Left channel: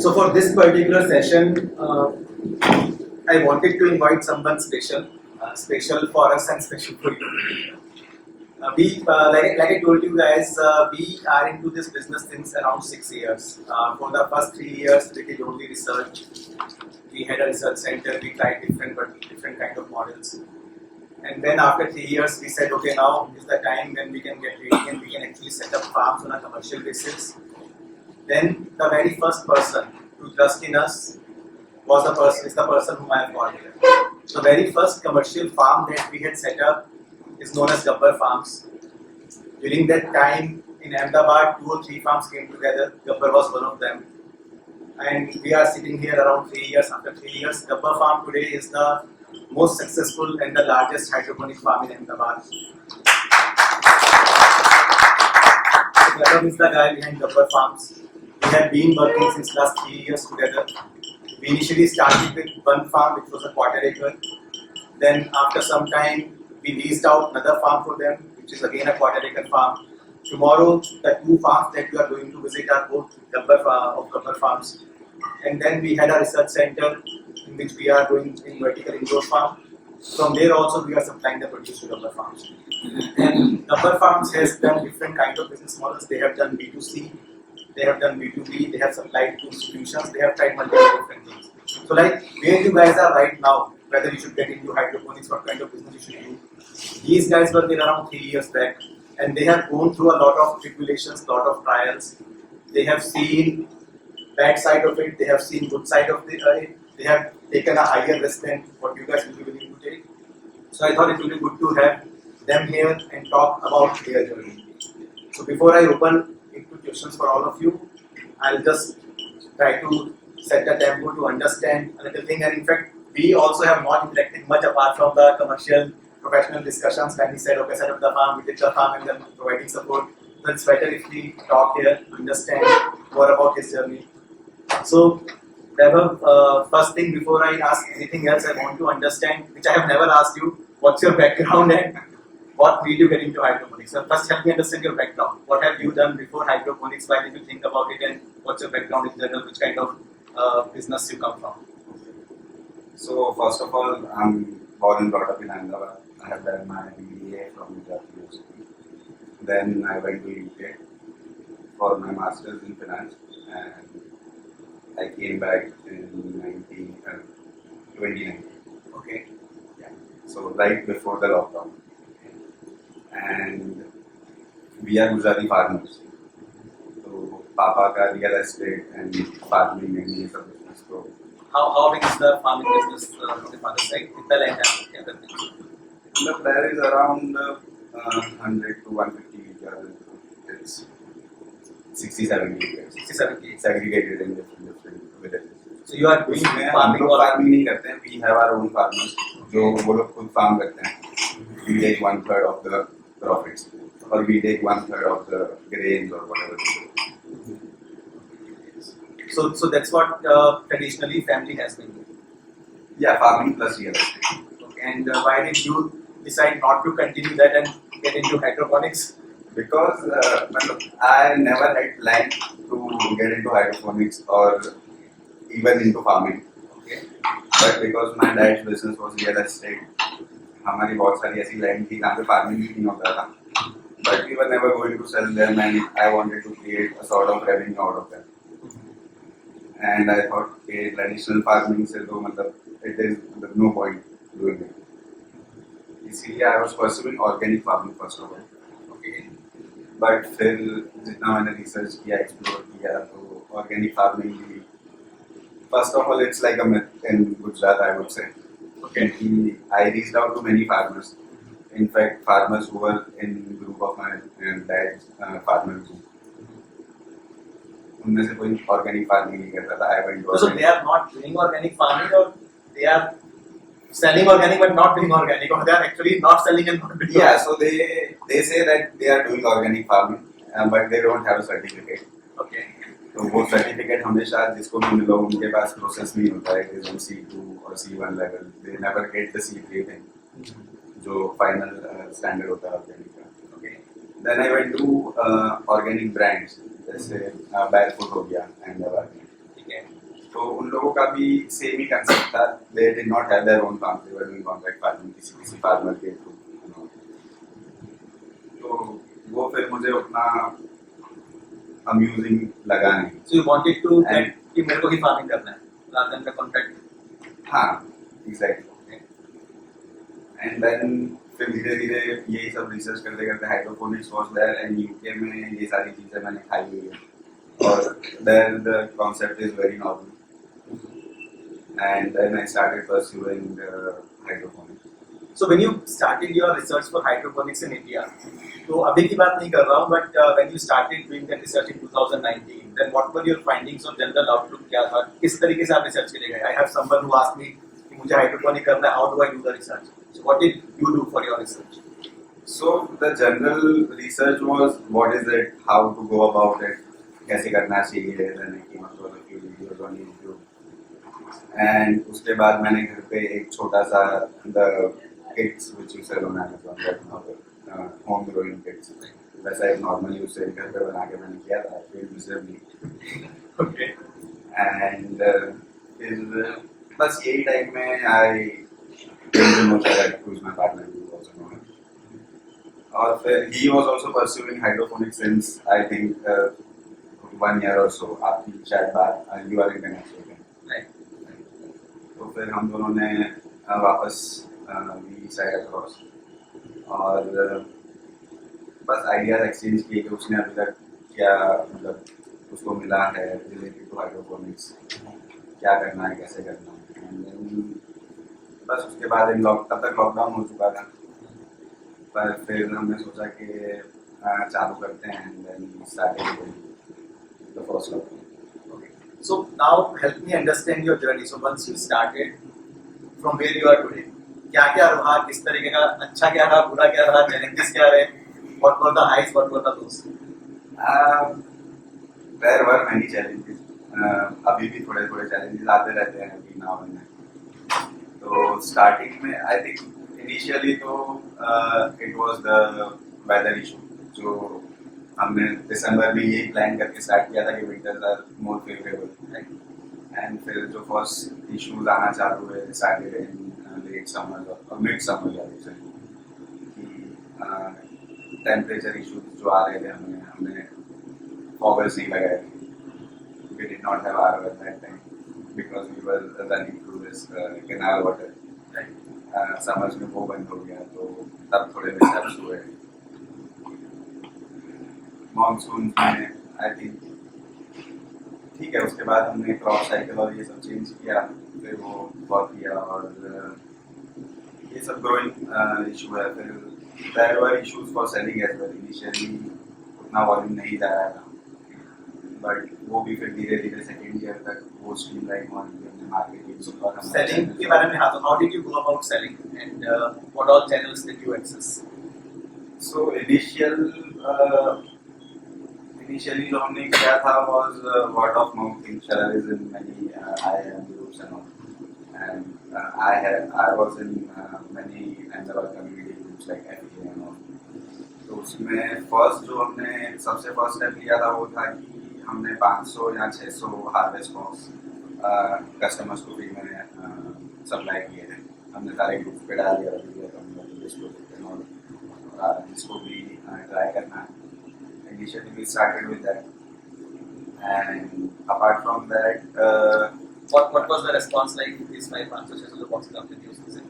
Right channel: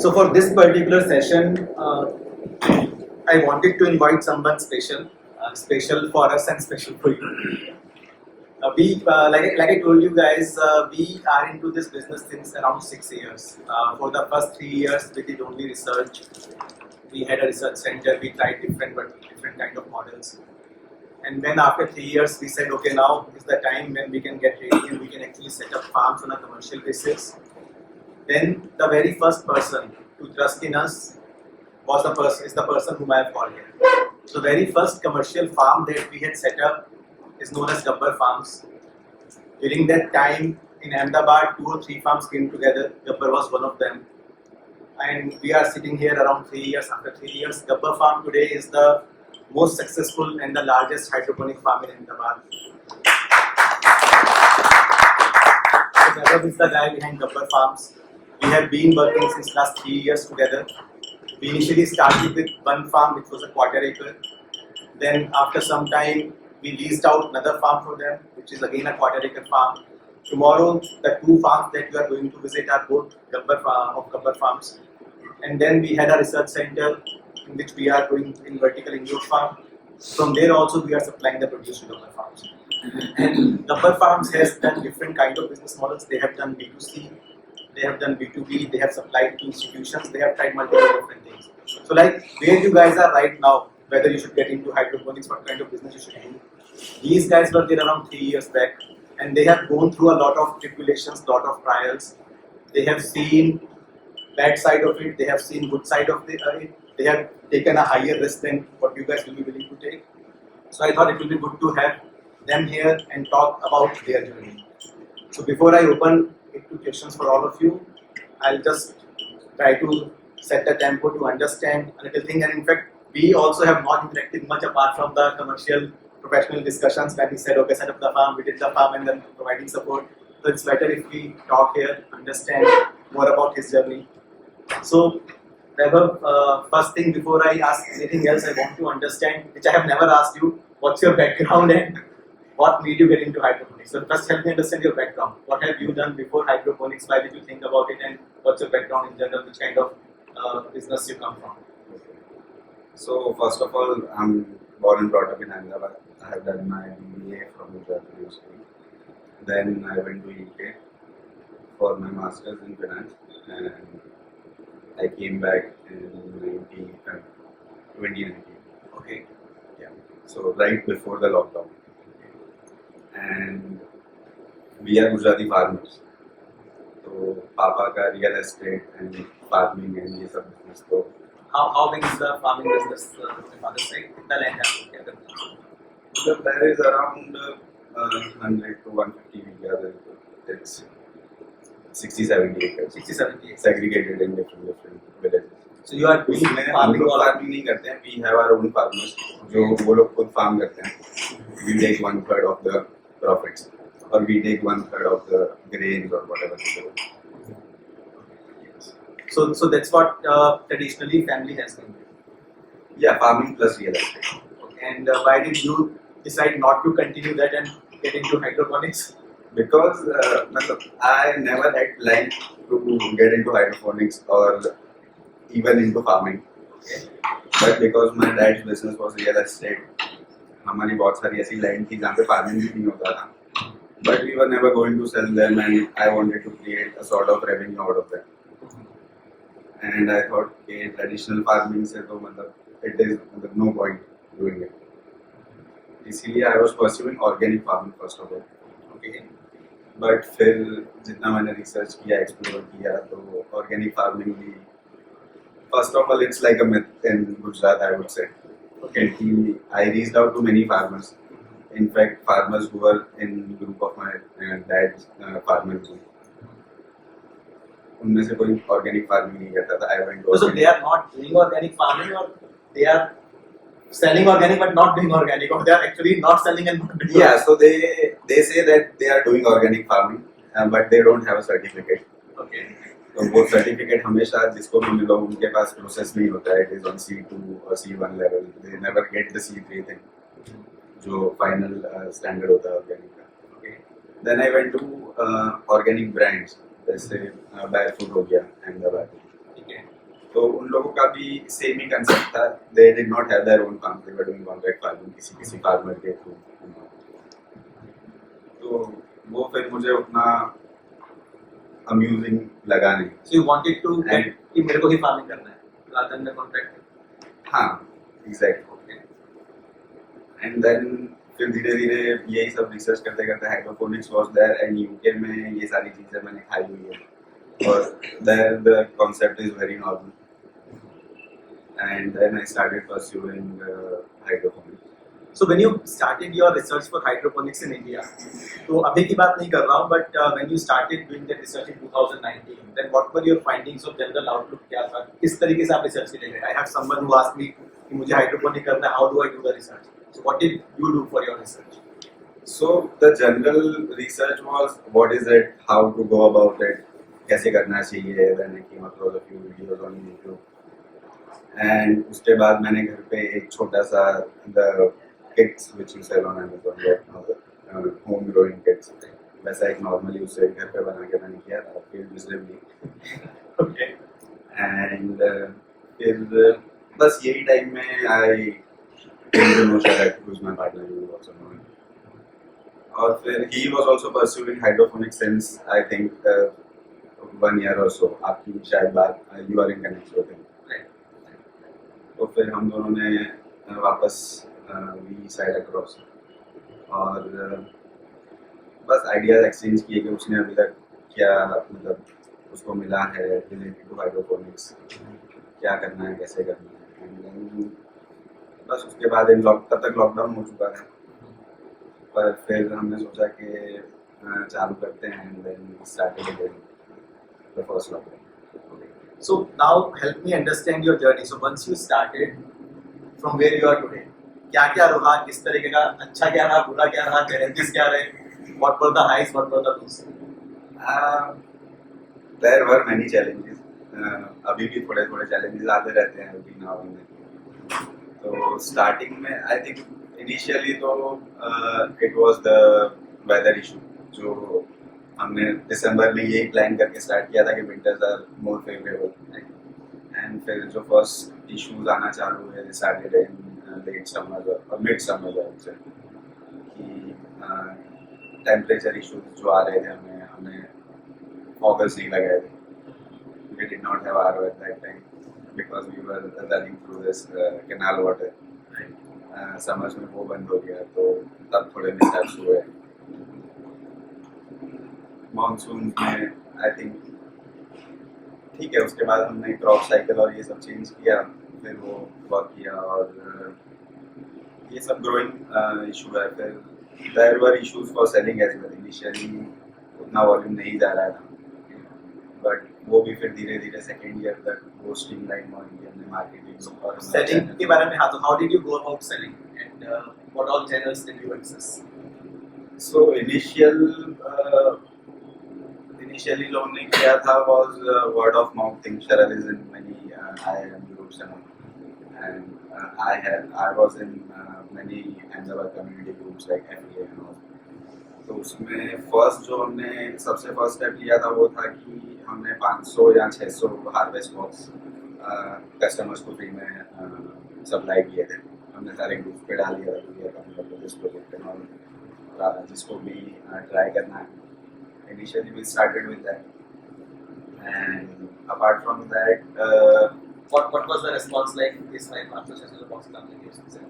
So for this particular session, I wanted to invite someone special, special for us and special for you. Like I told you guys, we are into this business since around 6 years. For the first 3 years, we did only research. We had a research center. We tried different kind of models. And then after 3 years, we said, okay, now is the time when we can get ready and we can actually set up farms on a commercial basis. Then the very first person to trust in us is the person whom I have called here. The very first commercial farm that we had set up is known as Gabbar Farms. During that time in Ahmedabad, 2 or 3 farms came together. Gabbar was one of them. And we are sitting here around 3 years. After 3 years, Gabbar Farm today is the most successful and the largest hydroponic farm in Ahmedabad. So Gabbar is the guy behind Gabbar Farms. We have been working since last 3 years together. We initially started with one farm which was a quarter acre. Then after some time, we leased out another farm for them, which is again a quarter acre farm. Tomorrow, the 2 farms that you are going to visit are both Gabbar Farms. And then we had a research center in which we are doing in vertical indoor farm. From there also we are supplying the produce to Gabbar Farms. And Gabbar Farms has done different kind of business models. They have done B2C, they have done B2B, they have supplied to institutions, they have tried multiple different things. So like where you guys are right now, whether you should get into hydroponics, what kind of business you should do. These guys were there around 3 years back and they have gone through a lot of tribulations, lot of trials. They have seen bad side of it, they have seen good side of it, they have taken a higher risk than what you guys will be willing to take. So I thought it will be good to have them here and talk about their journey. So before I open it to questions for all of you, I'll just try to set the tempo to understand a little thing. And in fact, we also have not interacted much apart from the commercial professional discussions when we said, okay, set up the farm, we did the farm and then providing support. So it's better if we talk here, understand more about his journey. So Gabbar, first thing before I ask anything else, I want to understand, which I have never asked you, what's your background and what made you get into hydroponics? So first help me understand your background. What have you done before hydroponics? Why did you think about it and what's your background in general? Which kind of business you come from? So first of all, I'm born and brought up in Ahmedabad. I have done my BBA from University. Then I went to UK for my masters in finance and I came back in 2019. Okay. Yeah. So right before the lockdown. And we are Gujarati farmers. So Papa ka real estate and farming and ये सब business तो. How big is the farming business on the father's side? कितना land है? Look, there is around 100 to 150 acres. It's 60-70 acres. 60-70 acres. Segregated in different villages. So you are doing farming? Farming नहीं करते हैं. We have our own farmers जो वो लोग खुद farm करते हैं. We take 1/3 of the profits, or we take 1/3 of the grains or whatever. So that's what traditionally family has been doing. Yeah, farming plus real estate. Okay. And why did you decide not to continue that and get into hydroponics? Because I never had planned to get into hydroponics or even into farming. Okay. But because my dad's business was real estate, हमारी बहुत सारी ऐसी land थी जहाँ पे farming भी नहीं होता था. But we were never going to sell them and I wanted to create a sort of revenue out of them. And I thought, okay, traditional farming से तो मतलब it is no point doing it. इसीलिए I was pursuing organic farming first of all. Okay. But फिर जितना मैंने research किया, explore किया, तो organic farming भी first of all it's like a myth in Gujarat, I would say. Okay. I reached out to many farmers. In fact, farmers who were in group of my dad's farmer group. उनमें से कोई organic farming नहीं करता था. I went to so they are not doing organic farming, or they are selling organic but not doing organic, or they are actually not selling and not doing. Yeah, so they say that they are doing organic farming, but they don't have a certificate. Okay. तो वो certificate हमेशा जिसको भी मिलो उनके पास process नहीं होता है. इट इज ऑन C2 और C1 level. They never get the C3 thing जो फाइनल स्टैंडर्ड होता है ऑर्गेनिक का. Okay. Then I went to organic brands जैसे बैरफुट हो गया अहमदाबाद में. ठीक है. लोगों का भी सेम ही कंसेप्ट था. They did not have their own farm, they were doing contract farming किसी फार्मर के थ्रू. तो वो फिर मुझे उतना अम्यूजिंग लगा नहीं. So you wanted to And- get कि मेरे को ही फार्मिंग करना है rather than the contract. हाँ, एग्जैक्टली. Okay. एंड देन फिर धीरे धीरे यही सब रिसर्च करते करते hydroponics was there, and UK में ये सारी चीजें मैंने खाई हुई है और there the concept is very normal. And then I started pursuing hydroponics. So when you started your research for hydroponics in India, तो अभी की बात नहीं कर रहा हूँ, but when you started doing that research in 2019, then what were your findings or general outlook क्या था? किस तरीके से आप research के लिए गए? I have someone who asked me कि मुझे hydroponic करना है, how do I do the research? So what did you do for your research? So the general research was what is it, how to go about it, कैसे करना चाहिए. Then I came across a few videos on YouTube. And उसके बाद मैंने घर पे एक छोटा सा the kits which you sell on Amazon right now, home growing kits, वैसा एक normally उसे घर पे बना के मैंने किया था. failed miserably. Okay. And फिर बस यही टाइम में I came to know Sharad, who is my partner, you also know him. और फिर he was also pursuing hydroponics since I think 1 year or so. आपकी शायद बात you are in connect with him. Right. तो फिर हम दोनों ने वापस we side across और बस आइडियाज एक्सचेंज किए कि उसने अभी तक क्या मतलब उसको मिला है रिलेटेड टू हाइड्रोपोनिक्स, क्या करना है, कैसे करना है. एंड देन बस उसके बाद तब तक लॉकडाउन हो चुका था, पर फिर हमने सोचा कि चालू करते हैं. And then started the first lockdown. Okay. So now help me understand your journey. So once you started, from where you are today, क्या क्या रहा, किस तरीके का, अच्छा क्या रहा, बुरा क्या रहा, चैलेंजेस क्या रहे, what were the highs, what were the lows? There were many challenges. अभी भी थोड़े थोड़े challenges आते रहते हैं अभी now and then. तो स्टार्टिंग में आई थिंक इनिशियली तो it was the weather issue, जो हमने दिसंबर में यही प्लान करके स्टार्ट किया था कि winters are more favourable. And फिर जो फर्स्ट इश्यूज आना चालू हुए स्टार्टेड इन लेट समर और मिड समर से कि टेम्परेचर इश्यूज जो आ रहे थे. हमने फॉगर्स नहीं लगाए थे. We did not have RO at that time because we were running through this canal water. Summers में वो बंद हो गया तो तब थोड़े मिसहैप्स हुए. मॉनसून में आई थिंक ठीक है. उसके बाद हमने क्रॉप साइकिल और ये सब चेंज किया, फिर वो वर्क किया और ये सब ग्रोइंग इशू है. फिर there were issues for selling as well. Initially उतना वॉल्यूम नहीं जा रहा था, बट वो भी फिर धीरे धीरे सेकेंड ईयर तक वो स्ट्रीमलाइन हुआ कि हमने मार्केटिंग और सेलिंग के बारे में. हाँ, तो how did you go about selling and what all channels did you access? So initially जो हमने किया था was word of mouth thing. Sharad is in many IIM groups and all, and I was in many Ahmedabad community groups like FA and all. तो उसमें first जो हमने सबसे first step लिया था वो था कि हमने 500 या 600 हार्वेस्ट बॉक्स कस्टमर्स को फ्री में सप्लाई किए थे. हमने सारे ग्रुप्स पे डाल दिया था मतलब दिस प्रोजेक्ट एंड ऑल, और जिसको भी ट्राई करना है. Initially we started with that, and apart from that What was the response like? This 500 boxes आपने यूज किए?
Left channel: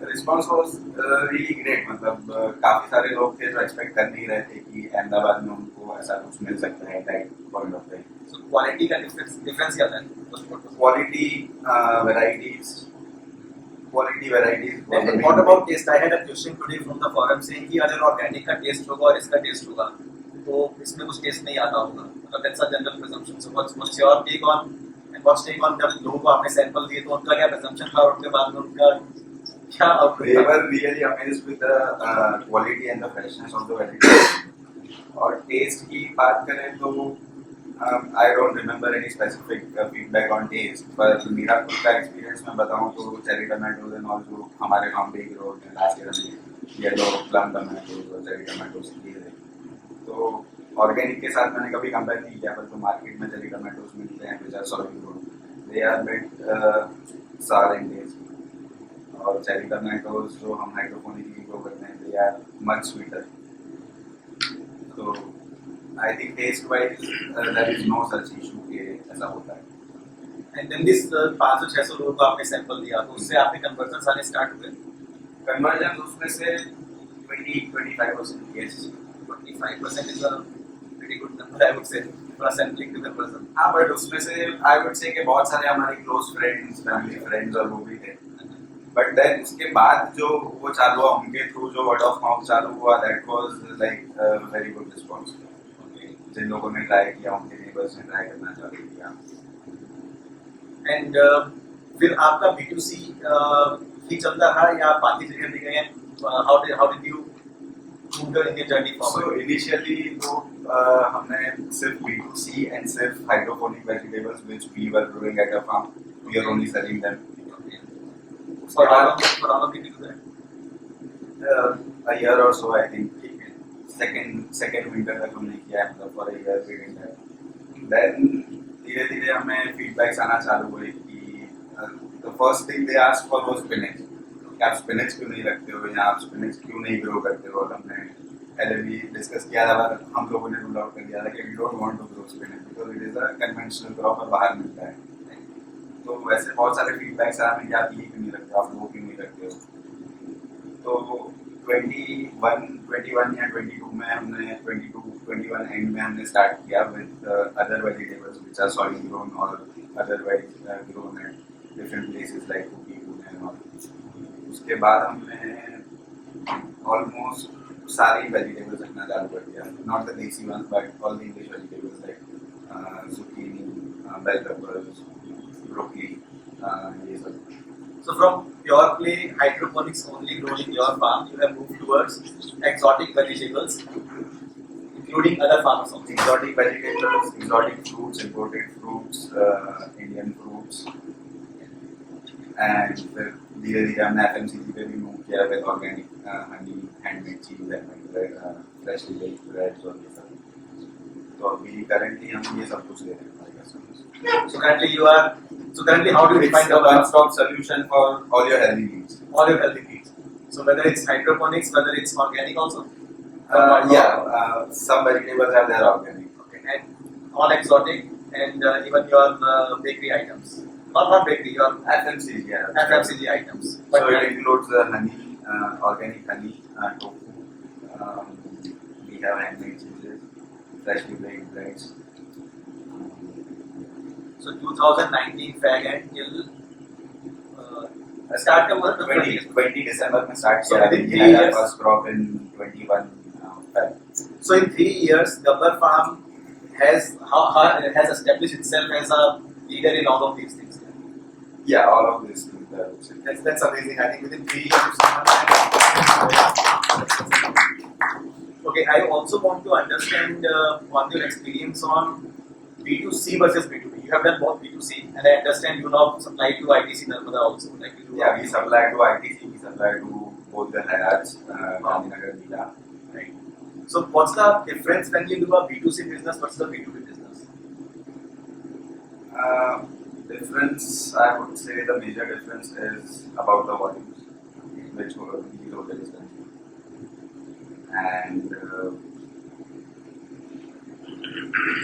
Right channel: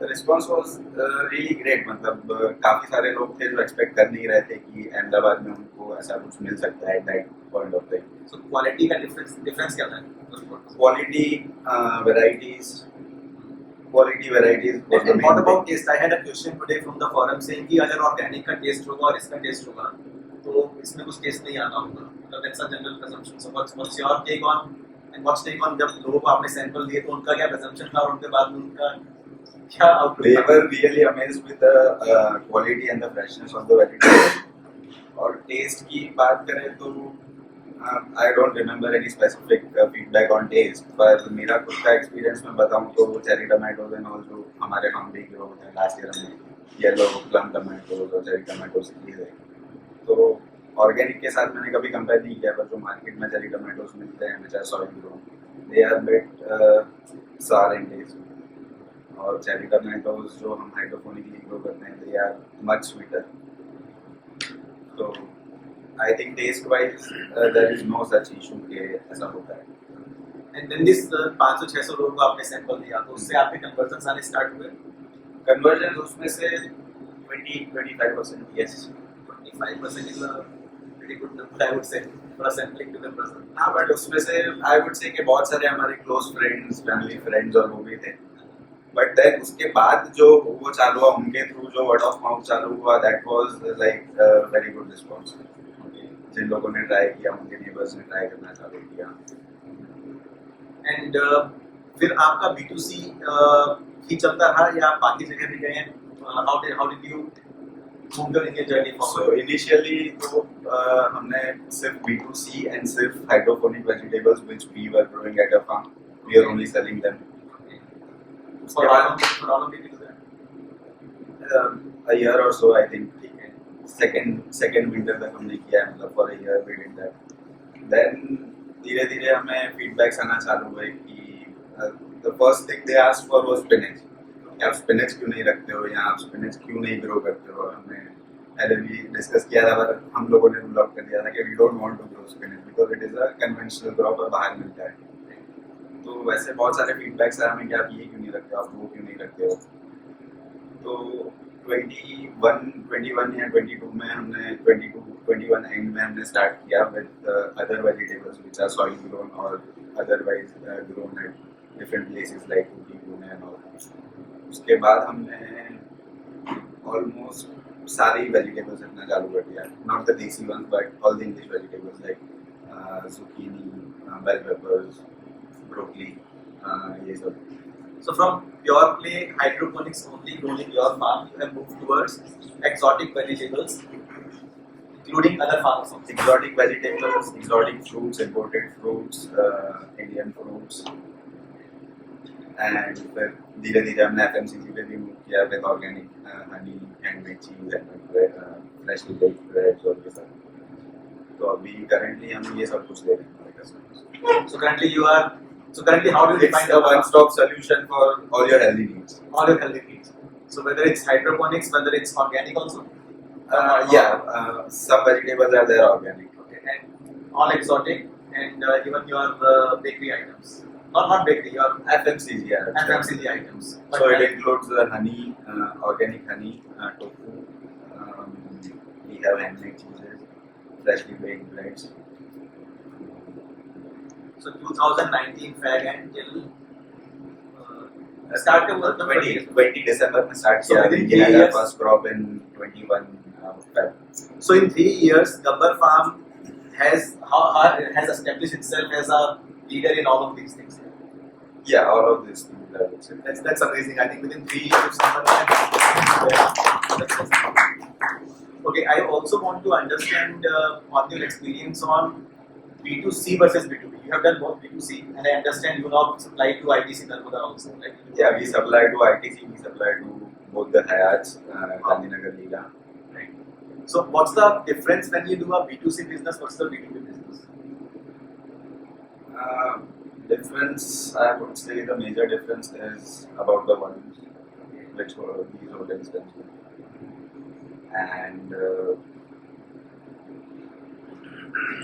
The response was really great. मतलब काफी सारे लोग थे जो एक्सपेक्ट कर नहीं रहे थे कि अहमदाबाद में उनको ऐसा कुछ मिल सकता है that point of time. So quality का डिफरेंस क्या था? Quality varieties. And what about taste? I had a question today from the forum saying कि अगर ऑर्गेनिक का टेस्ट होगा और इसका टेस्ट होगा तो इसमें कुछ टेस्ट नहीं आता होगा. मतलब that's a general presumption. So what's your take on and what's take on जब लोगों को आपने सैंपल दिए तो उनका क्या presumption था और उनके बाद में उनका क्या outlook They था? were really amazed with the quality and the freshness of the vegetables. और टेस्ट की बात करें तो I don't remember any specific feedback on taste, पर मेरा खुद का एक्सपीरियंस मैं बताऊं तो चेरी टमाटोज एंड ऑल जो हमारे फार्म पे ग्रो होते हैं लास्ट ईयर हमने येलो प्लम टमाटोज और चेरी टमाटोज किए थे. तो ऑर्गेनिक के साथ मैंने कभी कंपेयर नहीं किया, पर जो मार्केट में चेरी टमाटोज मिलते हैं which are soil grown, they are bit sour in taste. और चेरी टमाटोज जो हम हाइड्रोपोनिकली ग्रो करते हैं they are much sweeter. So I think taste wise there is no such issue कि ऐसा होता है. एंड देन दिस 500-600 लोगों को आपने सैंपल दिया तो उससे आपके कन्वर्जन आने स्टार्ट हुए. कन्वर्जन उसमें से 20-25% yes. 25% is a pretty good number I would say for a sampling to conversion. हाँ बट उसमें से I would say कि बहुत सारे हमारे क्लोज फ्रेंड्स फैमिली फ्रेंड्स और वो भी थे. बट देन उसके बाद जो वो चालू हुआ उनके थ्रू जो वर्ड ऑफ माउथ चालू हुआ that was like very good response. जिन लोगों ने ट्राई किया उनके नेबर्स ने ट्राई करना चालू किया. एंड फिर आपका B2C ही चलता रहा या आप बाकी जगह भी गए हैं? How did you move in your journey So forward? initially तो हमने सिर्फ B2C and सिर्फ hydroponic vegetables which we were growing at a farm we are only selling them. For how long did you do that? A year or so I think. second winter तक हमने किया है मतलब for a year we did that. Then धीरे धीरे हमें feedbacks आना चालू हुए कि the first thing they asked for was spinach. कि आप spinach क्यों नहीं रखते हो या आप spinach क्यों नहीं grow करते हो. और हमने पहले भी डिस्कस किया था पर हम लोगों ने रूल आउट कर दिया था कि we don't want to grow spinach because it is a conventional crop और बाहर मिलता है. तो वैसे बहुत सारे फीडबैक्स आए हमें कि आप ये क्यों नहीं रखते हो आप वो क्यों नहीं रखते हो. तो 21 या 22 में हमने 21 एंड में हमने स्टार्ट किया with other vegetables which are soil grown और otherwise grown at different places like Ooty Pune and all. उसके बाद हमने ऑलमोस्ट सारी वेजिटेबल्स रखना चालू कर दिया. Not the desi ones but all the English vegetables like zucchini, bell peppers, broccoli, ये सब. So from pure play hydroponics only grown in your farm, you have moved towards exotic vegetables, including other farms also. Exotic vegetables, exotic fruits, imported fruits, Indian fruits, and फिर धीरे धीरे हमने FMCG पे भी move किया with organic honey, handmade cheese, and freshly baked breads और ये सब. तो अभी currently हम ये सब कुछ दे रहे हैं हमारे customers. So currently how do you It's define a one-stop solution for all your healthy needs. all your healthy needs? So whether it's hydroponics, whether it's organic also? Some vegetables are there organic. Okay, and all exotic and even your bakery items. Not bakery, your FMCG, yeah. FMCG items. So it includes honey, organic honey, tofu. We have handmade cheeses, freshly baked breads. So 2019 fag and till start का मतलब 20 December में start So किया. within We 3 had our years? first crop in 21 Feb. So in 3 years, Gabbar Farm has established itself as a leader in all of these things. Yeah, all of these things I would say. That's amazing. I think within 3 years, if someone can. Okay, I also want to understand on your experience on B2C versus B2B. You have done both B2C, and I understand you now supply to ITC Narmada also. Like you do Yeah, we supply to ITC, we supply to both the Hayats, Gandhinagar, Leela. Right. So what's the difference when you do a B2C business versus a B2B business? Difference, I would say the major difference is about the volumes, which these hotels consume. And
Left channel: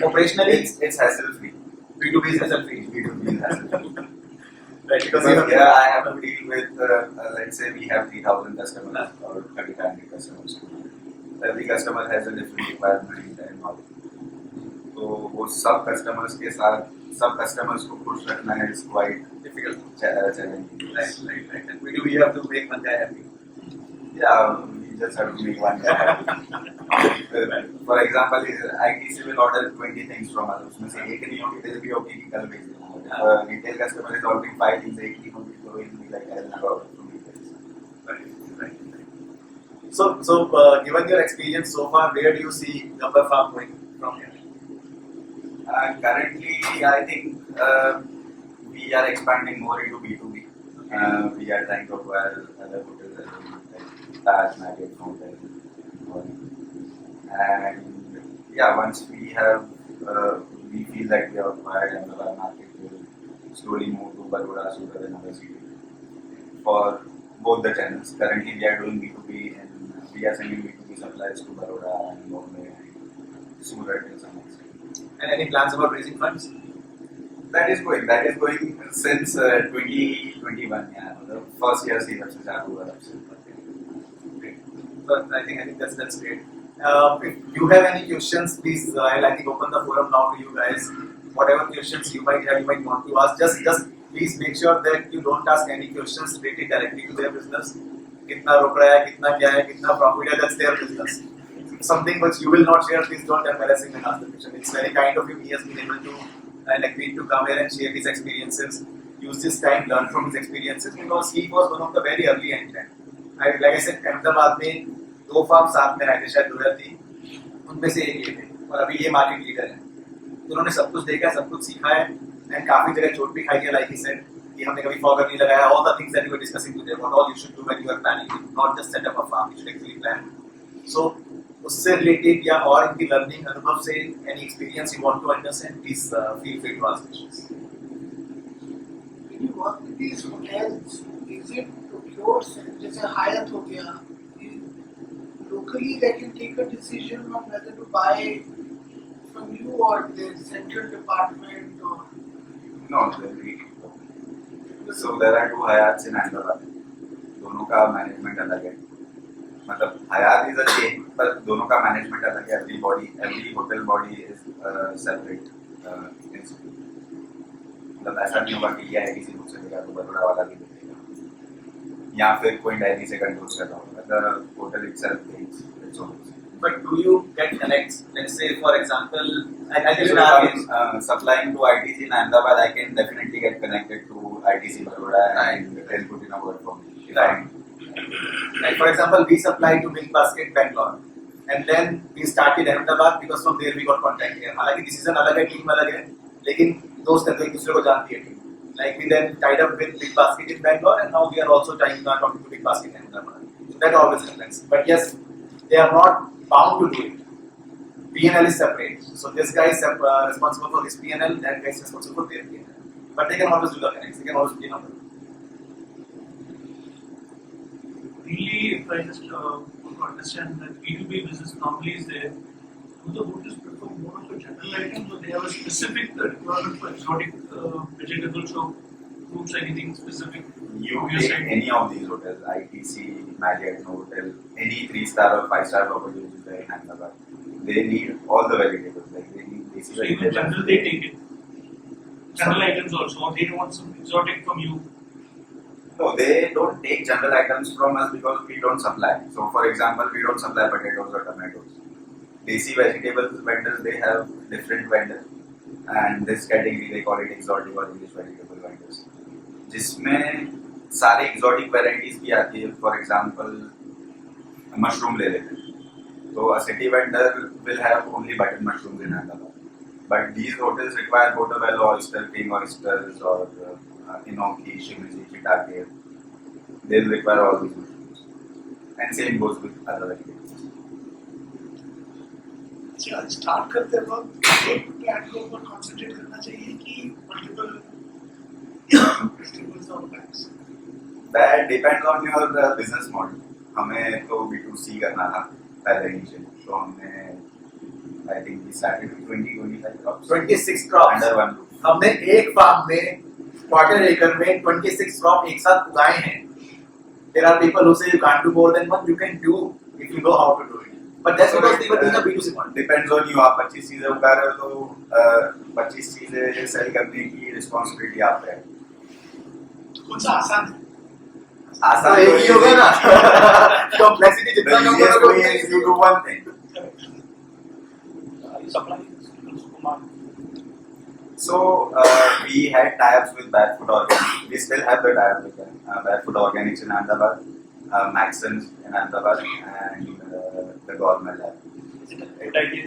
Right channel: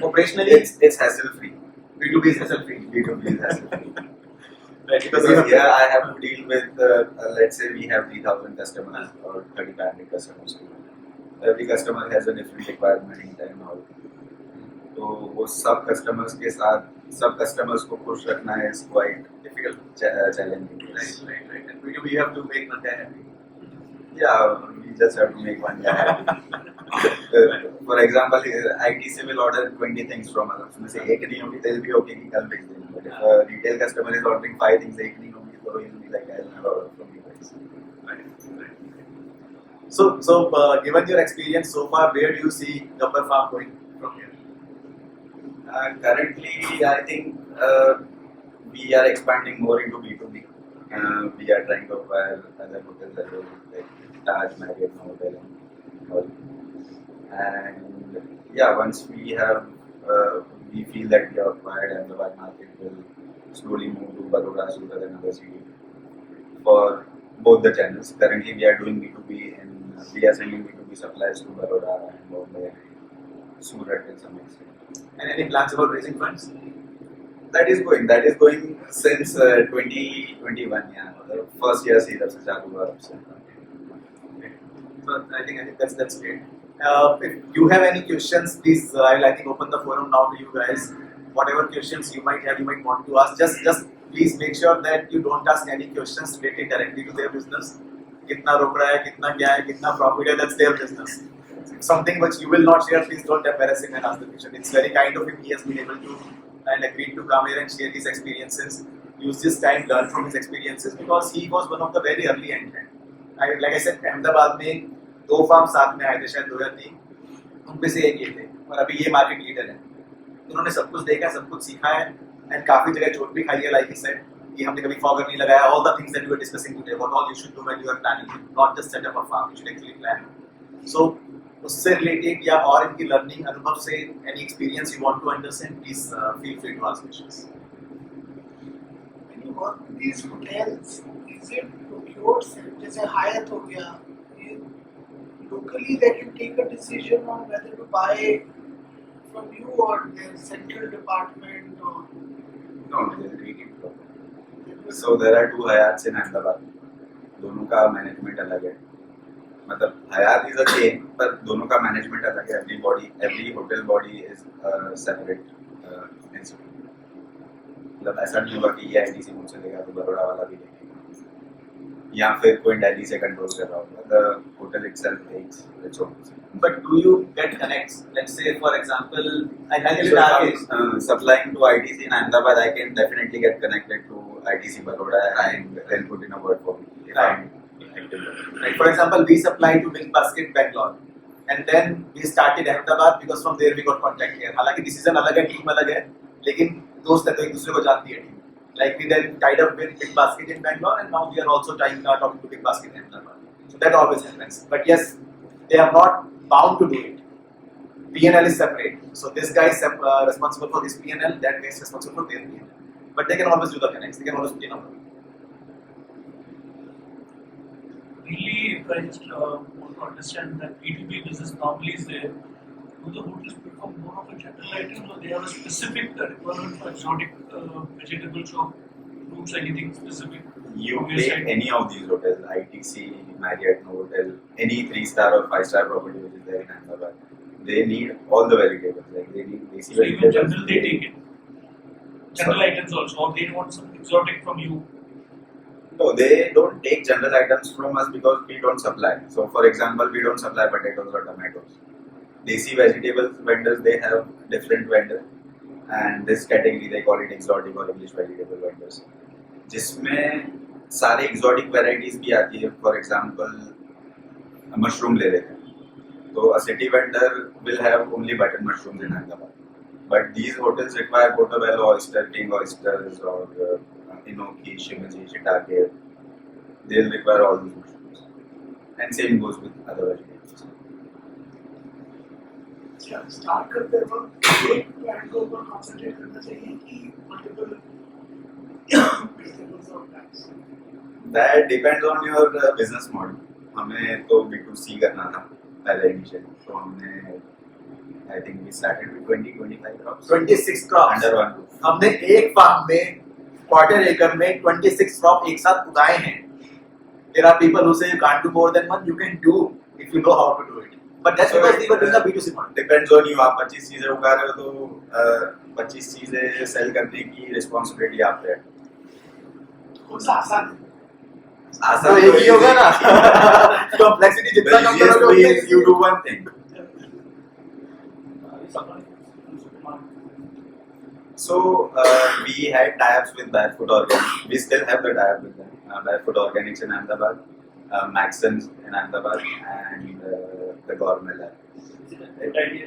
Operationally, it's hassle free. B2B is hassle free. B2B is hassle free. Right, because Because you have here I have to deal with, let's say we have 3,000 customers or 3,500 customers. Every customer has a different requirement and all. तो वो सब customers को खुश रखना is quite difficult. challenging. Right. And B2B you have to make one guy happy. Yeah, we just have to make one guy happy. For example, ITC will order 20 things from us. उसमें से एक नहीं होगी, they'll be okay कि कल भेज देना. But if a retail customer is ordering 5 things, एक नहीं होगी, तो he'll be like, I'll never order from you guys. Right. So given your experience so far, where do you see Gabbar Farm going from here? Currently, I think we are expanding more into B2B. We are trying to acquire other hotels as well, like Taj, Marriott, Hotel, and all. And yeah, once we have, we feel that we are acquired and our market will slowly move to Baroda, Surat and other cities for both the channels. Currently we are doing B2B and we are sending B2B supplies to Baroda and Bombay and Surat in some extent. And any plans about raising funds? That is going since 2021, yeah. The first year series is चालू हुआ तब से. But I think that's great. If you have any questions, please I'll I think open the forum now to you guys. Whatever questions you might have, you might want to ask. Just please make sure that you don't ask any questions related directly to their business. कितना रोक रहा है, कितना क्या है, कितना profit है, that's their business. Something which you will not share, please don't embarrass him and ask the question. It's very kind of him. He has been able to and agreed to come here and share his experiences. Use this time, learn from his experiences because he was one of the very early entrant. Like I said, Ahmedabad में 2 farm साथ में आए थे शायद 2003, उनमें से एक ये थे और अभी ये मार्केट लीडर हैं. उन्होंने सब कुछ देखा है, सब कुछ सीखा है एंड काफी जगह चोट भी खाई है. लाइक ही सेड कि हमने कभी फॉगर नहीं लगाया. All the things that we were discussing today, what all you should do when you are planning, not just set up a farm, you should actually plan. So उससे related या और इनकी learning अनुभव से any experience you want to understand, please feel free to ask questions. When you work with these hotels, is it yours? जैसे Hyatt हो गया, locally they can take a decision on whether to buy from you or their central department or. No, so there are 2 Hayats in Ahmedabad. दोनों का management अलग है. मतलब हयात is a chain पर दोनों का मैनेजमेंट अलग है. Every hotel body is separate institute. मतलब ऐसा नहीं होगा कि ये आईटीसी मुझसे लेगा तो बड़ौदा वाला भी लेगा या फिर कोई दिल्ली से कंट्रोल कर रहा होगा. The hotel itself takes its own. But do you get connects? Let's say, for example, I live in our case. Supplying to ITC in Ahmedabad, I can definitely get connected to ITC Baroda and then put in a word for me. Right. Like for example, we supply to Milk Basket Bangalore, and then we started Ahmedabad because from there we got contact here. हालांकि decision अलग है, team अलग है, लेकिन दोस्त है तो एक दूसरे को जानती है team. Like we then tied up with Big Basket in Bangalore, and now we are also talking to Big Basket in Ahmedabad. So that always happens. But yes, they are not bound to do it. P&L is separate. So this guy is responsible for his P&L, that guy is responsible for their P&L. But they can always do the connects. They can always put in number. Really, if I just want to understand that B2B business normally is there, do the hotels prefer more of a general item or they have a specific requirement for exotic vegetables or fruits, anything specific? You from your take side? any of these hotels, ITC, Marriott, Novotel, any 3-star or 5-star property which is there in Ahmedabad, they need all the vegetables. Like they need basic So even vegetables. general they take it. General items also, or they want some exotic from you. No, they don't take general items from us because we don't supply. So, for example, we don't supply potatoes or tomatoes. Desi vegetables vendors, they have different vendors, and this category they call it exotic or English vegetable vendors. जिसमें सारे exotic varieties भी आती है. For example, mushroom ले लेते हैं. So, a city vendor will have only button mushrooms in Ahmedabad. But these hotels require portobello, oyster, king oysters, or enoki, shimizi, shiitake. They'll require all these mushrooms. And same goes with other vegetables. Start करते वक्त एक plan के ऊपर concentrate करना चाहिए कि multiple vegetables और plants. That depends on your business model. हमें तो B2C करना था पहले इनिशियली. तो हमने I think we started with 20-25 crops. 26 crops. Under one roof. हमने एक फार्म में क्वार्टर एकड़ में 26 क्रॉप एक साथ उगाए हैं. There are people who say you can't do more than one. You can do if you know how to do it. But that's because they were doing a B2C model. Depends on you. आप 25 चीजें उगा रहे हो तो 25 चीजें cell करने की responsibility आप पे है. कौन सा आसान है? तो एक ही होगा ना. Complexity जितना The कम easiest करोगे way उतना is you do one thing. Supply. So we had tie-ups with Barefoot Organics. We still have the tie-up with them. Barefoot Organics in Ahmedabad, Maxons in Ahmedabad, and the Gourmet Lab. Is it a good idea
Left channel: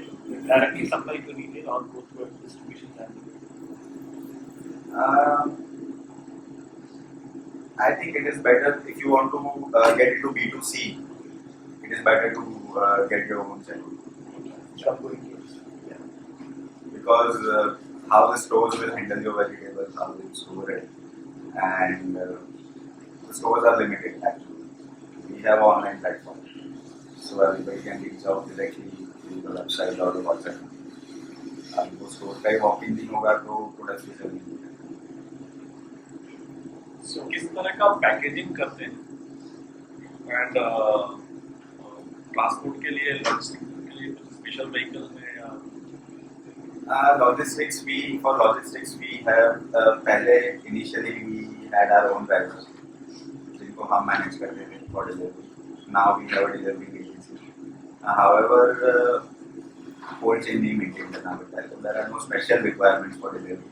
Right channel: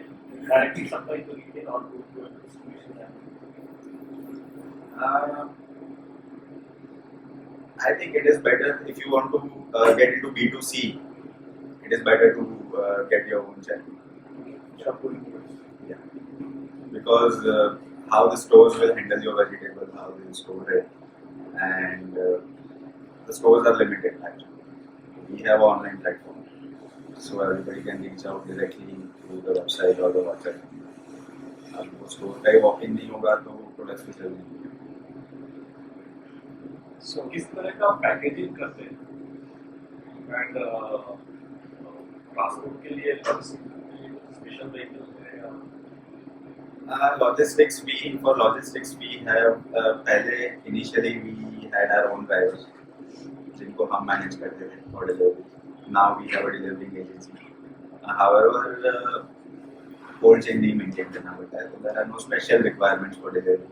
directly supply to retail or go through a distribution channel? I think it is better if you want to get into B2C. It is better to get your own channel. Yeah. Because how the stores will handle your vegetables, how they will store it, and the stores are limited actually. We have online platform, so everybody can reach out directly through the website or the WhatsApp. अब वो store का ही walk in नहीं होगा तो products भी चल नहीं So किस तरह का पैकेजिंग करते हैं एंड ट्रांसपोर्ट के लिए लॉजिस्टिक के लिए कुछ स्पेशल व्हीकल है या logistics we have पहले initially we had our own drivers जिनको हम मैनेज करते थे for delivery. Now we have a delivering agency. However, cold chain नहीं maintain करना पड़ता है, so there are no special requirements for delivery.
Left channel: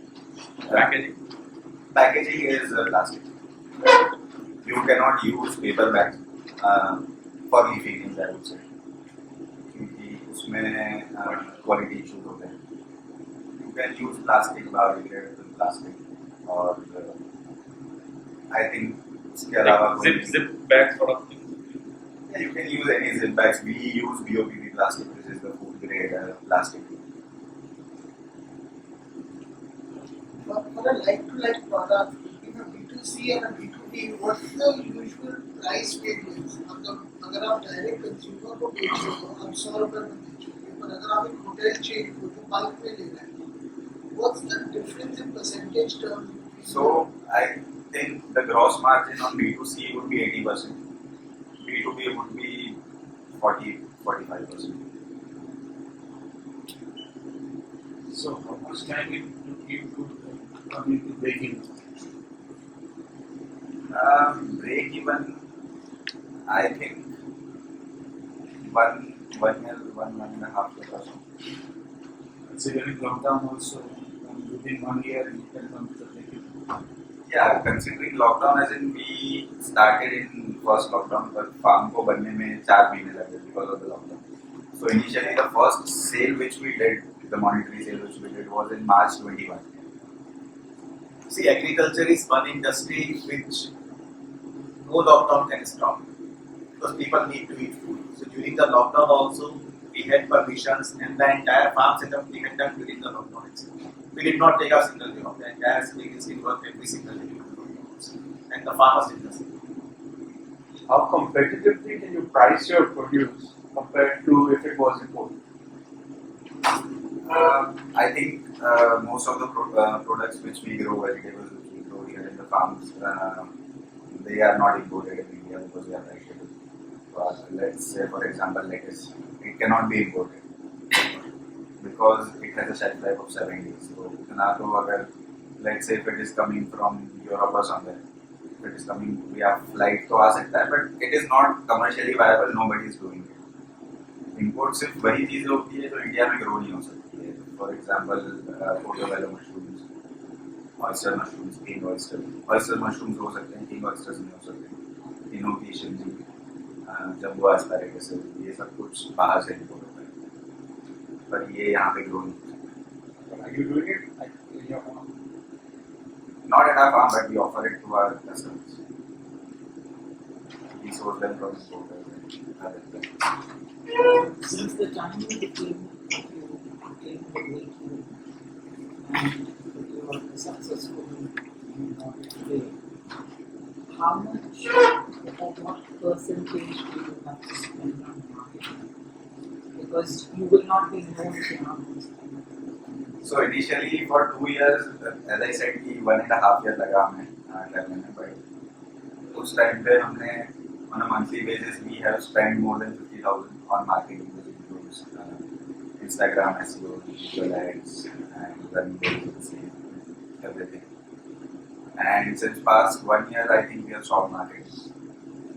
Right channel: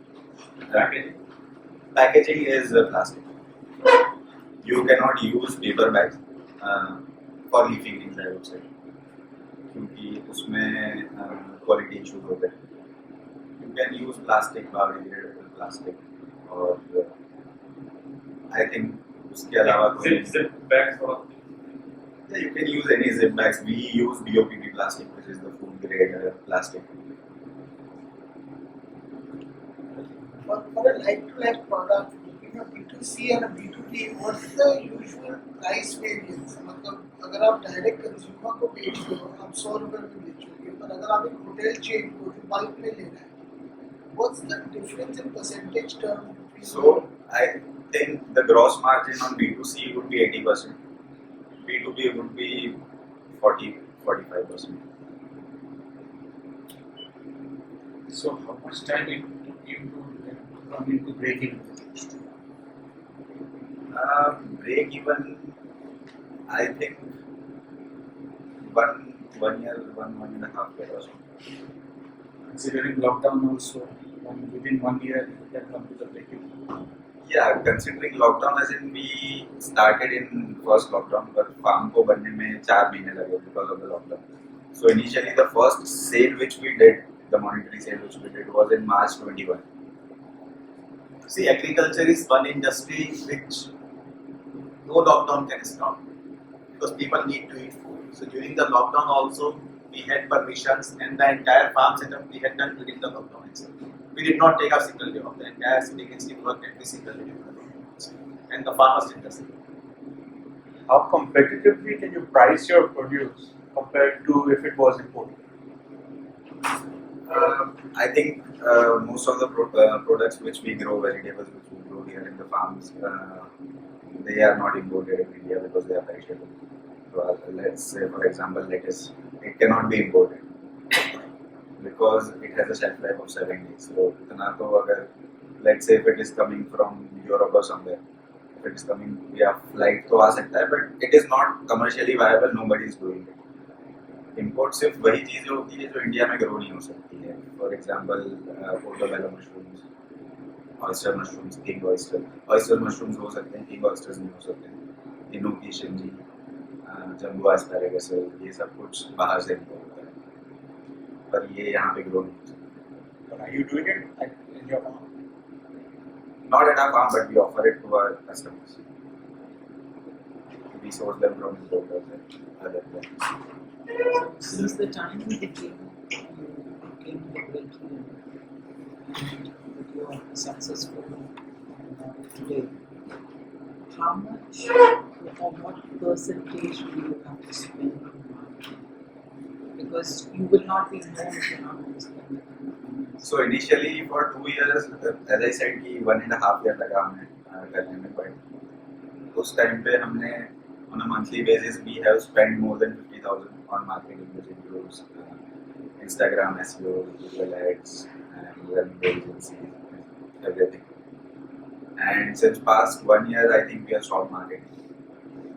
Packaging Packaging is plastic. You cannot use paper bags for leafy greens, I would say, क्योंकि उसमें quality issues होते हैं. You can use plastic, biodegradable plastic, और I think उसके अलावा कोई zip bags sort of thing. Yeah, you can use any zip bags. We use BOPP plastic, which is the food grade plastic. For a like-to-like product, in a B2C and a B2B, what's the usual price variance? मतलब अगर आप direct consumer को बेच रहे हो, आप 100 रुपए में बेचोगे, पर अगर आप एक होटल चेन को जो बल्क में लेना है, what's the difference in percentage terms? So I think the gross margin on B2C would be 80%. B2B would be 40-45%. So how much time it took you to come into breaking? Break even, I think one year, one and a half year or so. Considering lockdown also, within 1 year you can come to the breaking. Yeah, considering lockdown, as in we started in first lockdown, but farm को बनने में 4 महीने लगे because of the lockdown. So initially the first sale which we did, the monetary sale which we did, was in March 21. See, agriculture is one industry which no lockdown can stop because people need to eat food. So during the lockdown also, we had permissions and the entire farm setup we had done during the lockdown itself. We did not take a single day off. The entire city still worked every single day during the lockdown itself. And the farmers did the same. How competitively can you price your produce compared to if it was imported? I think most of the products which we grow, vegetables which we grow here in the farms, they are not imported in India because they are perishable. So let's say, for example, lettuce, it cannot be imported because it has a shelf life of 7 days. So, इतना तो अगर, let's say if it is coming from Europe or somewhere, if it is coming via flight तो आ सकता है, but it is not commercially viable. Nobody is doing it. Import सिर्फ वही चीजें होती है जो इंडिया में ग्रो नहीं हो सकती है. For example, portobello mushrooms, oyster mushrooms, king oyster. Oyster mushrooms हो सकते हैं, king oysters नहीं हो सकते. इनोकी, शिमजी, जम्बो एस्पैरागस, ये सब कुछ बाहर से इम्पोर्ट होता है, पर ये यहाँ पे ग्रो नहीं हो सकता. Are you doing it like in your farm? Not at our farm, but we offer it to our customers. We source them from importers and other places. Since the time you became breaking and you are successful today, how much or what percentage do you have to spend on marketing? Because you will not be known enough to spend. So initially for 2 years, as I said कि 1.5 year लगा हमें करने में, but उस time पे हमने on a monthly basis we have spent more than 50,000 on marketing, which includes Instagram SEO, Google ads, and running the agency, everything. And since past 1 year, I think we have stopped marketing.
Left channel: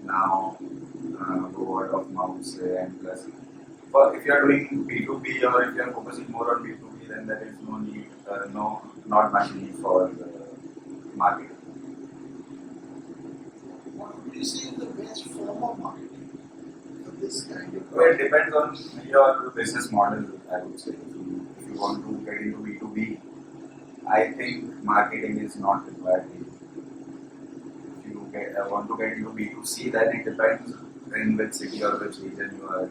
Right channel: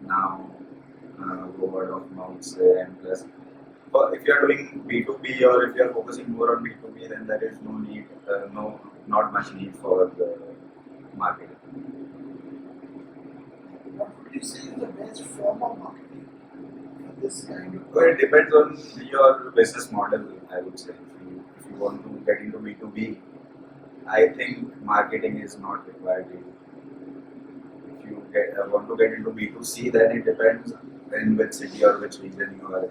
Now, word of mouth and plus. But if you are doing B2B or if you are focusing more on B2B, then there is no need, not much need for the marketing. What would you say is the best form of marketing for this kind of? Well, it depends on your business model, I would say. If you want to get into B2B, I think marketing is not required really. If you want to get into B2C, then it depends in which city or which region you are.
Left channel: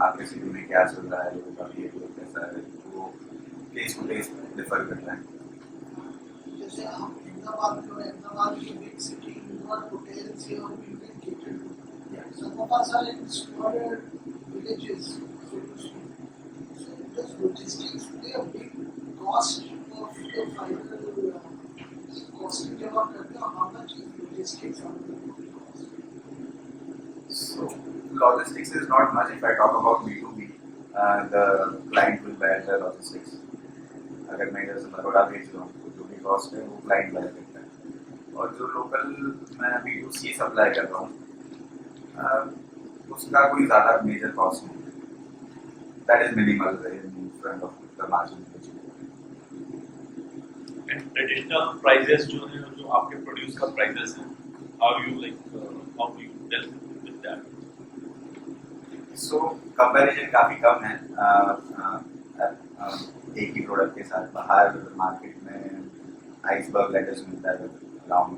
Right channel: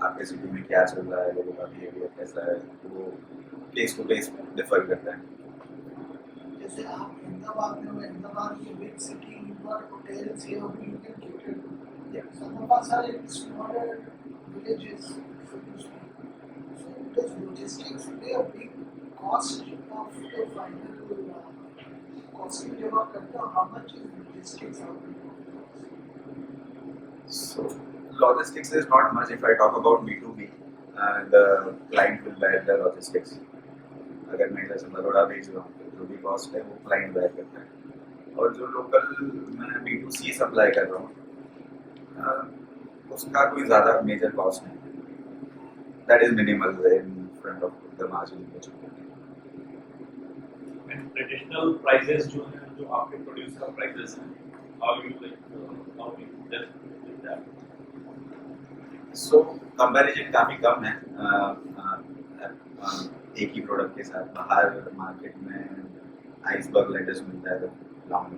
आपके city में क्या चल रहा है, लोगों का behaviour कैसा है, वो केस टू केस डिफर करता है. जैसे आप अहमदाबाद में हो, Ahmedabad is a big city, you got hotels here, you can cater to. Yeah. Some of us are in smaller villages, so to speak. So does logistics play a big cost of the final costing जब आप करते हो, how much is logistics out there? So logistics is not much. If I talk about B2B, the client will bear the logistics. अगर मैं जैसे बड़ौदा भेज रहा हूँ तो जो भी कॉस्ट है वो क्लाइंट बेयर करता है. और जो लोकल मैं B2C सप्लाई कर रहा हूँ उसका कोई ज़्यादा मेजर कॉस्ट नहीं. That is minimal in front of the margin which you get. And traditional prices जो है जो आपके प्रोड्यूस का prices हैं, how you deal with that? So comparison काफ़ी कम है एक ही प्रोडक्ट के साथ. बाहर मार्केट में आइसबर्ग लेटस मिलता है long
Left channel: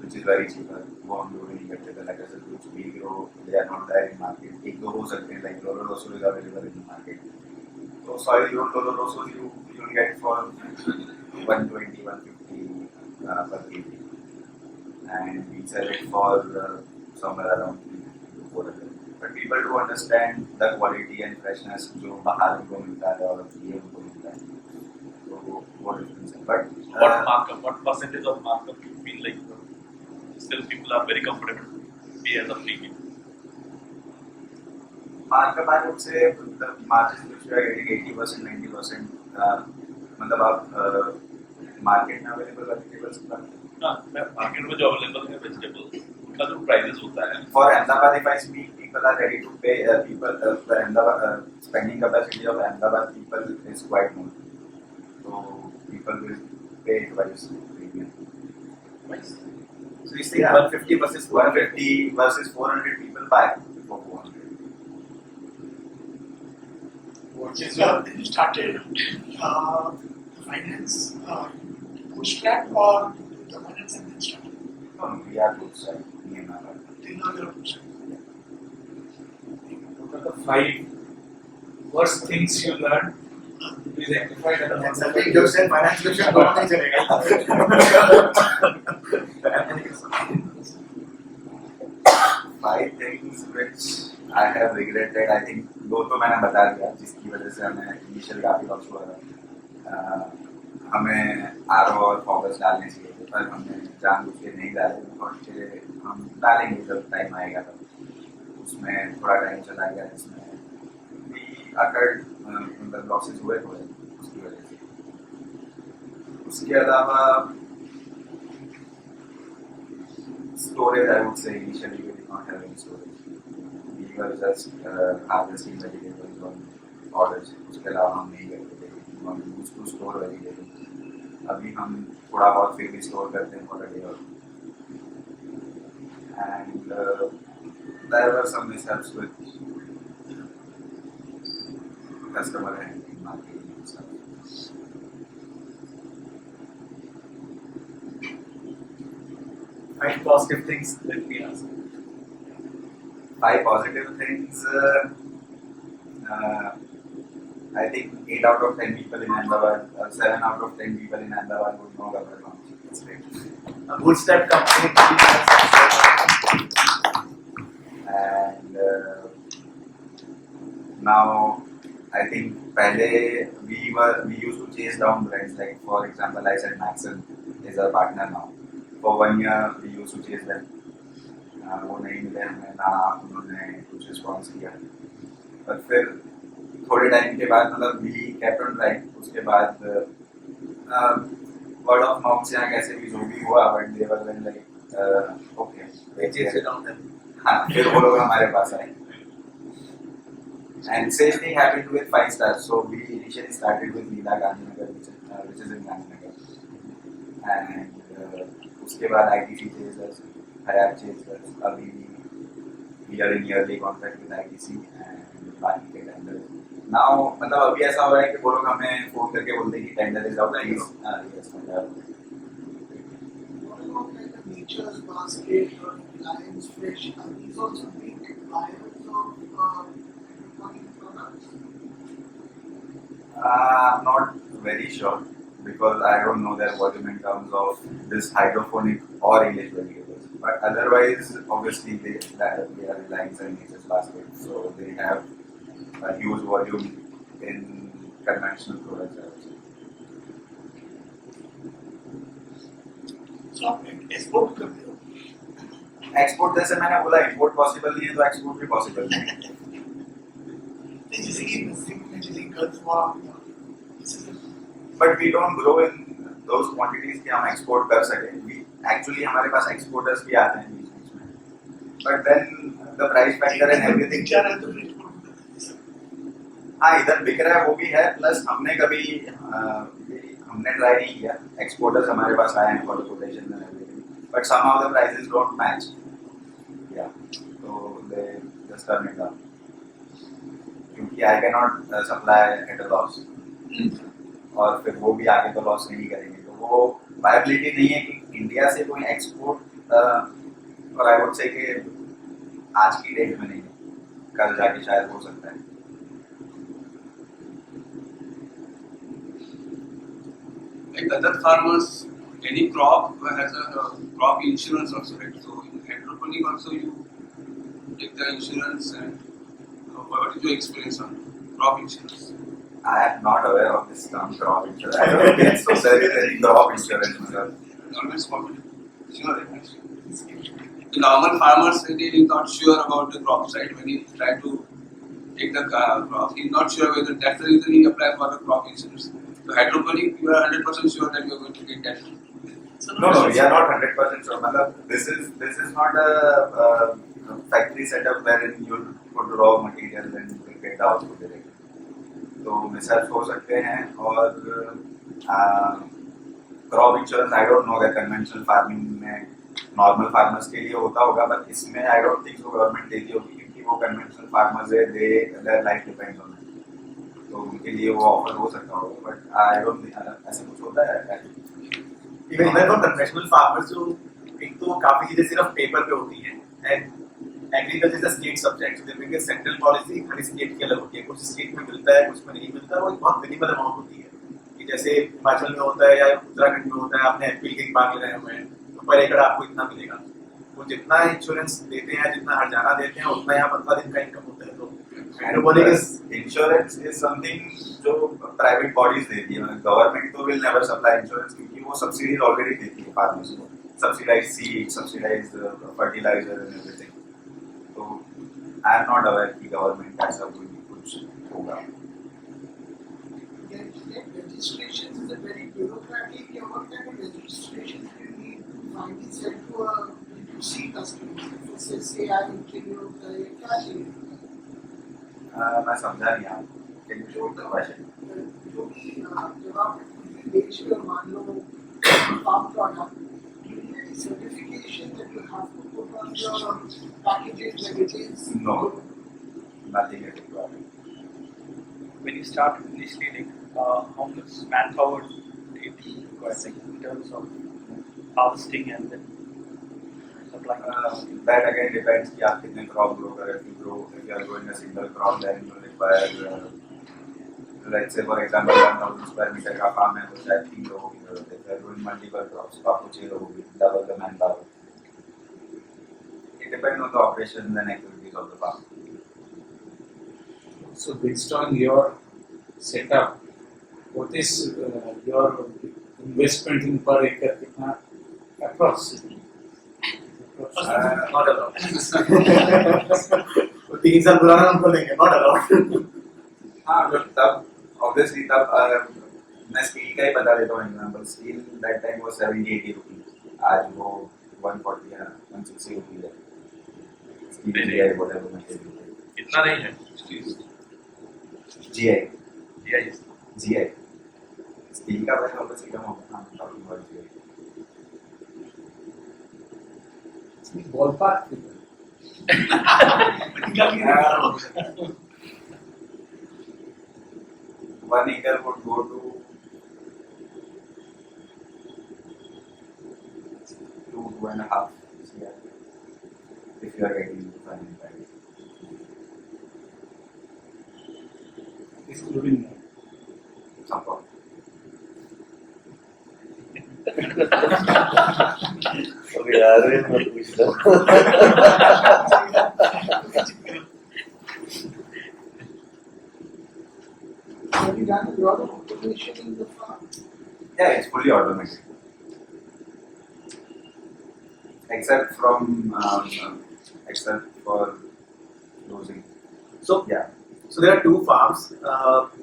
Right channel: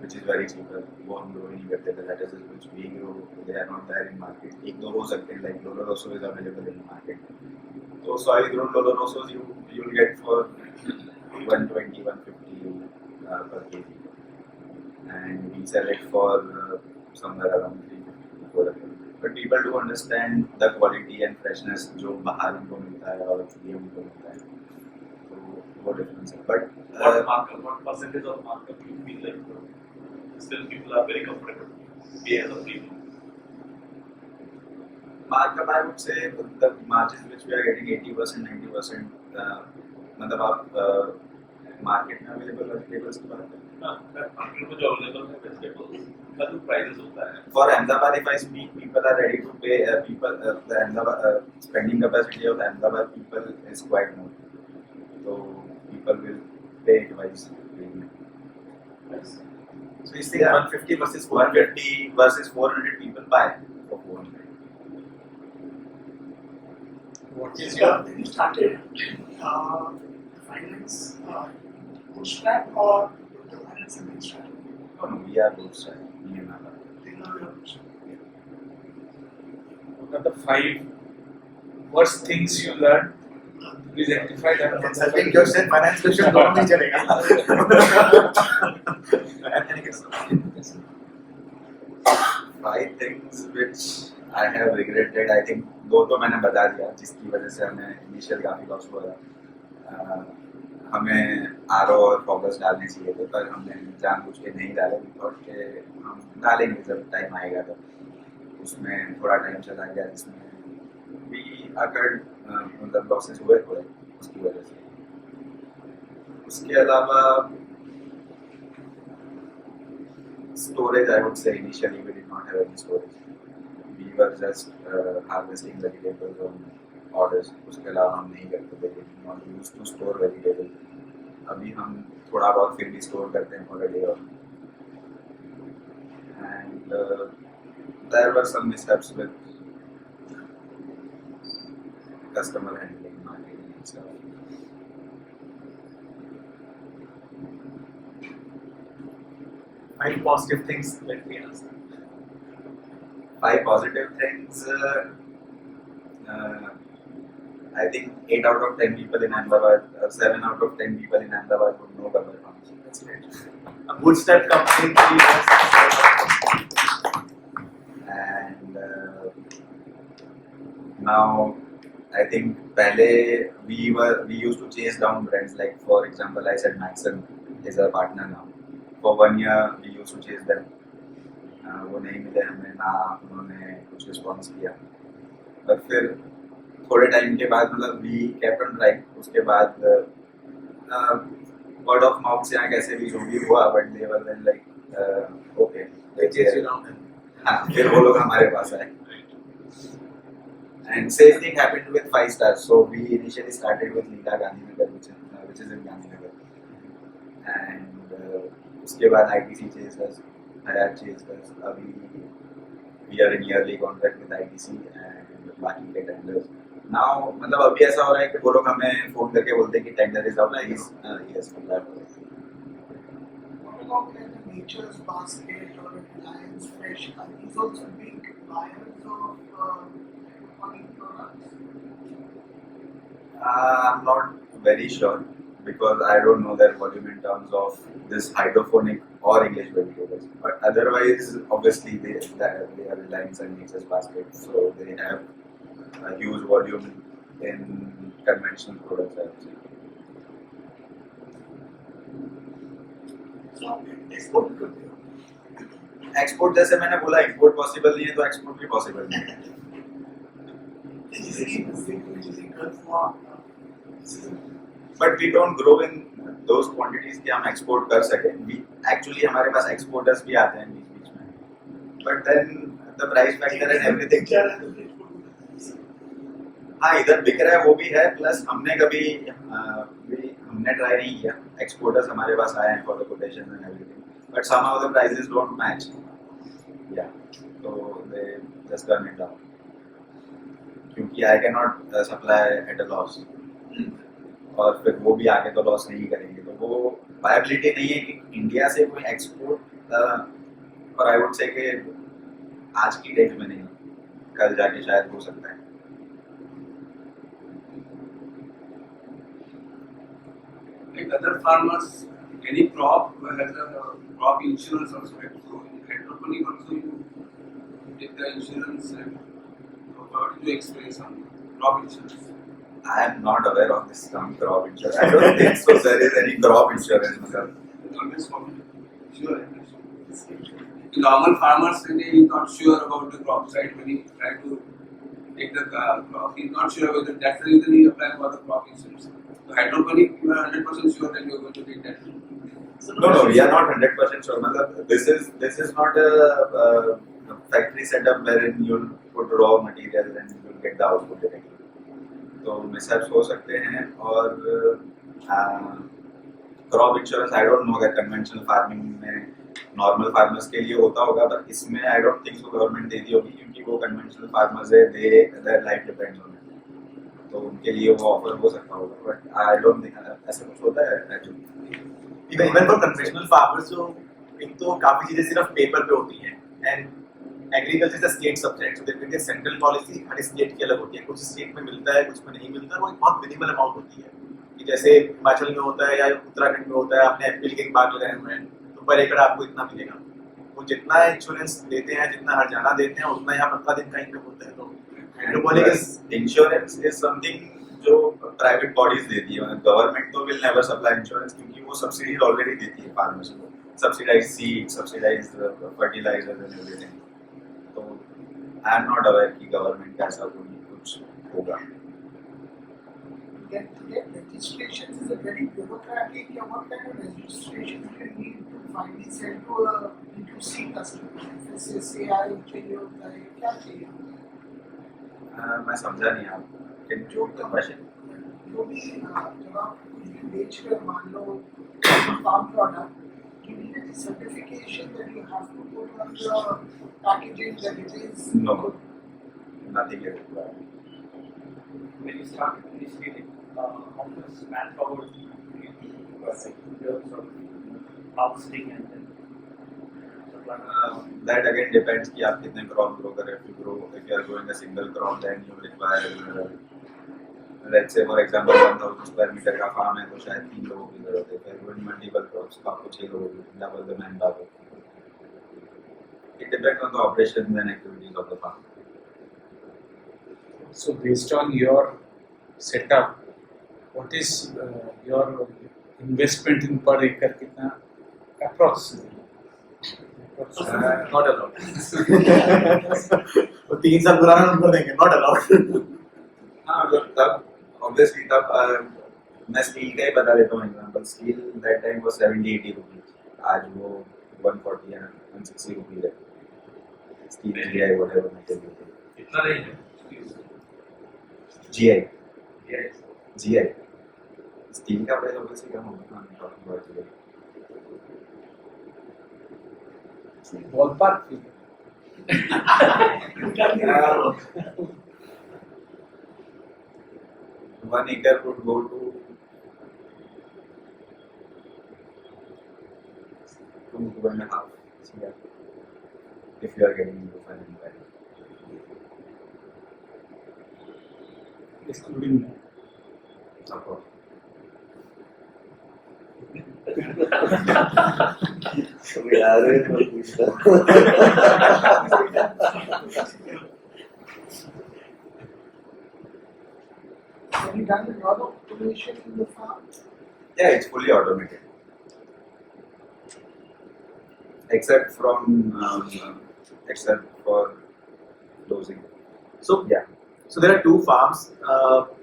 which is very cheaper. वो हम लोग नहीं करते. The lettuces which we grow, they are not there in market. एक दो हो सकते हैं, like Lolo Rosso is available in the market. So soil grown Lolo Rossos you'll get for 120, 150 per kg, and we sell it for somewhere around 350 to 400. But people do understand the quality and freshness जो बाहर उनको मिलता है और ये उनको मिलता है. So वो difference है. But What markup? What percentage of markup you feel like still people are very comfortable to pay as a premium? markup I would say the margins which we are getting 80%, 90%. मतलब आप market में available vegetables की बात करें. हाँ, market में जो available है वेजिटेबल्स उनका जो प्राइसेस होता है. For Ahmedabad, if I speak, people are ready to pay. The Ahmedabad spending capacity of Ahmedabad people is quite more. So people will pay twice premium. So you say 150 versus 400. 150 versus 400 people buy for 400. What is your, when you started finance, bootstrap or the finance and then started? No, we are bootstrap. Me and Ahmedabad. Till now you are bootstrap. What are the 5 worst things you learned? Please identify them. Consulting question, finance question दोनों नहीं चलेगा. Five things which I have regretted. I think दो तो मैंने बता दिया जिसकी वजह से हमें इनिशियल काफी लॉस हुआ था. हमें आरओ और फॉगस डालने चाहिए थे पर हमने जानबूझ के नहीं डाले. बिकॉज के हम डालेंगे जब टाइम आएगा तो. उसमें थोड़ा टाइम चला गया जिसमें भी अकड़ मतलब लॉसेस हुए थोड़े उसकी वजह से. उसके अलावा storage, I would say initially we did not have any storage. We were just harvesting vegetables on orders. उसके अलावा हम नहीं करते थे. We not used to store vegetables. अभी हम थोड़ा बहुत फिर भी store करते हैं for a day or two. And there were some mishaps with customer handling, marketing and stuff. 5 positive things. Let me answer. 5 positive things. I think 8 out of 10 people in Ahmedabad, 7 out of 10 people in Ahmedabad would know Gabbar Farms. That's great. A bootstrap company 3 years. And now I think पहले we used to chase down brands, like for example I said Maxon is our partner now. For 1 year we used to chase them. वो नहीं मिले हमें, ना उन्होंने कुछ response किया. पर फिर थोड़े टाइम के बाद मतलब वी केप्ट ऑन ट्राइंग. उसके बाद वर्ड ऑफ माउथ से यहाँ कैसे भी जो भी हुआ, but they were then like okay They chase you down then. हाँ, फिर वो लोग हमारे पास आए. And same thing happened with 5 stars. So we initially started with Leela Gandhinagar, which is in Gandhinagar. And उसके बाद ITC chased us, Hayat chased us. अभी we are in yearly contract with ITC and बाकी के tenders. Now मतलब अभी ऐसा हो रहा है कि वो लोग हमें फोन करके बोलते हैं कि tender is out, please. Yes, मतलब. What about like the Nature's Basket or Reliance Fresh? Are these also big buyers of hydroponic products? I'm not very sure because I don't know their volume in terms of this hydroponic or English vegetables. But otherwise, obviously they are Reliance and Nature's Basket, so they have a huge volume in conventional products. I would say. So आप export करते हो? Export जैसे मैंने बोला import possible नहीं है तो export भी पॉसिबल नहीं है. जैसे कि जैसे गर्ल्स वहाँ but we don't grow in those quantities कि हम एक्सपोर्ट कर सके. वी एक्चुअली हमारे पास एक्सपोर्टर्स भी आते हैं बीच बीच में. But then the price factor and everything. क्या रहा तो फिर export करते हैं. हाँ इधर बिक रहा है वो भी है. प्लस हमने कभी हमने ट्राई नहीं किया. एक्सपोर्टर्स हमारे पास आए हैं for the quotation and everything. But somehow the prices don't match. या तो they just turn it down क्योंकि I can not supply at a loss. और फिर वो भी आगे तो लॉस नहीं करेंगे. तो वो वायबिलिटी नहीं है कि इंडिया से कोई एक्सपोर्ट. और आई वुड से कि आज की डेट में नहीं, कल जाके शायद हो सकता है. Like other farmers, any crop has a crop insurance also, right? So in hydroponic also you take the insurance and what is your experience on crop insurance? I am not aware of this term crop insurance. I don't think so. There is any crop insurance. Always confident. Sure. The normal farmers when he is not sure about the crop side when he try to take the crop, he is not sure whether that's the reason he applies for the crop insurance. So hydroponic, you are 100% sure that you are going to get that. No, we are not 100% sure. Matlab, this is not a factory setup wherein you'll put raw material and you'll get the output directly. तो mishaps हो सकते हैं. और crop insurance I don't no अगर conventional farming में normal farmers के लिए होता होगा. बट इसमें I don't think so government देती होगी क्योंकि वो कन्वेंशनल फार्मर्स है. Their life depends on it. तो उनके लिए वो ऑफर हो सकता होगा. बट आई डोंट थिंक ऐसा कुछ होता है actually. Even for conventional farmers जो एक तो काफी चीजें सिर्फ पेपर पे होती हैं. And agriculture is a state subject. So there central policy हर स्टेट की अलग होती है. कुछ स्टेट में मिलता है, कुछ में नहीं मिलता है. वो एक बहुत मिनिमल अमाउंट होती है कि जैसे हिमाचल में होता है या उत्तराखंड में होता है. आपने एप्पल के बाग लगाए हुए हैं तो पर एकड़ आपको इतना मिलेगा. वो जितना इंश्योरेंस देते हैं, जितना हर्जाना देते हैं, उतना यहाँ 15 दिन का इनकम होता है. तो इंश्योरेंस इज समथिंग जो प्राइवेट बॉडीज देती है. मतलब गवर्नमेंट तो विल नेवर सप्लाई इंश्योरेंस क्योंकि वो सब्सिडीज ऑलरेडी देती है फार्मर्स को. Subsidised seed, subsidised fertiliser and everything. तो आई एम नॉट अवेयर कि गवर्नमेंट का ऐसा कोई कुछ होगा. Registration is a very bureaucratic. What kind of registration you need to finally send to a B2C customer? Say I चाहिए होता है, क्या चाहिए? मैं समझा नहीं आप. Can you show the question? जो भी जब आप कुछ बेच कर मान लो farm product, you need a certification that you have to put on the packaging that it is. No, nothing is required. When you start initiating, how much manpower it requires in terms of harvesting and then supplying? That again depends कि आप कितने crop grow करें. If you are growing a single crop, then you require let's say for example 1000 square meter का farm है तो शायद 3 लोगों की जरूरत है. If you are growing multiple crops तो आपको 6 लोगों की, double the manpower. It depends on the operations and activities of the farm. So based on your setup, what is your investment in per acre? कितना approx? Not allowed. वो 3 साल पुराना number देंगे. Not allowed. हाँ तब obviously तब मैं steel का ही बता देता हूँ example. Steel that time was 70-80 rupees. आज वो 140 या 160 रुपीज है. Steel GI whatever material. इतना नहीं है. GI GI. GI स्टील का प्राइस ऑब्वियसली कम होगा. हाँ talking about GI. Ballpark. 1 acre would go to 2.5 CR if you are getting into farming price. Excluding Support. Have you done a lot of automation in the farm? Yeah, it's fully automated. Except for closing. So Yeah. So there are two farms.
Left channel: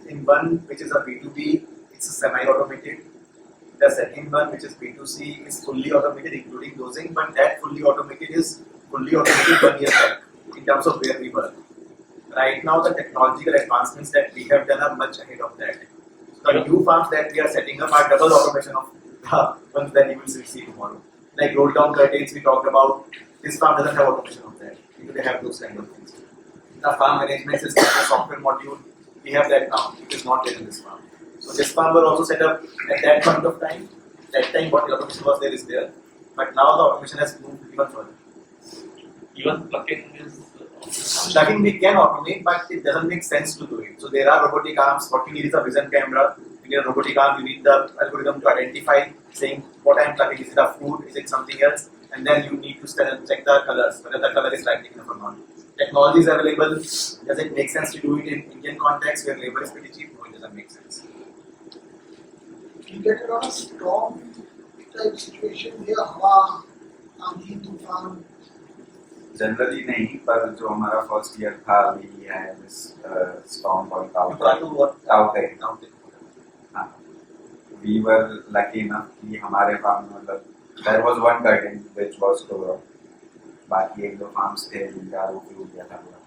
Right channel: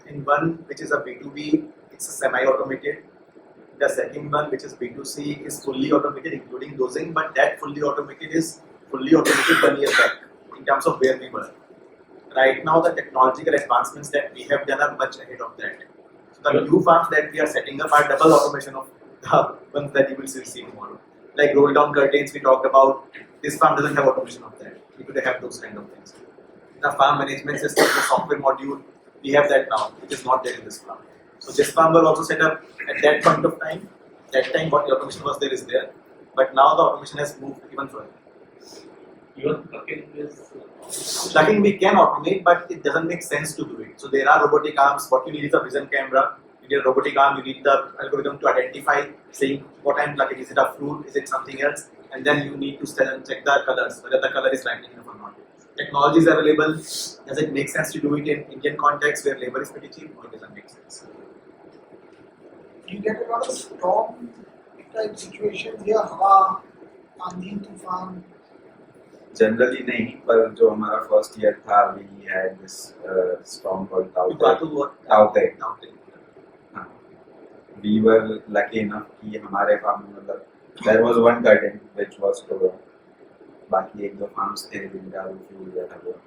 In one which is a B2B, it's a semi-automated. The second one, which is B2C, is fully automated, including dosing. But that fully automated is fully automated 1 year back in terms of where we were. Right now, the technological advancements that we have done are much ahead of that. So the new farms that we are setting up are double automation of the ones that you will see tomorrow. Like roll down curtains we talked about. This farm doesn't have automation of that. They have those kind of things. The farm management system, the software module, we have that now. It is not there in this farm. So this farm were also set up at that point of time. That time what the automation was there is there. But now the automation has moved even further. Even plucking is. Plugging we can automate, but it doesn't make sense to do it. So there are robotic arms. What you need is a vision camera. You need a robotic arm. You need the algorithm to identify saying what I'm plugging. Is it a fruit? Is it something else? And then you need to stand and check the colors, whether the color is lighting enough or not. Technology is available. Does it make sense to do it in Indian context where labor is pretty cheap? No, it doesn't make sense. You get a lot of storm type situations here, हवा, आंधी, तूफान. Generally नहीं, पर जो हमारा first year था, we had this storm called You got to what? Taute. Taute. हाँ. We were lucky enough कि हमारे farm में मतलब there was one curtain which was tore off. बाकी एक दो farms थे जिनका वो फ्यूल गया था पूरा.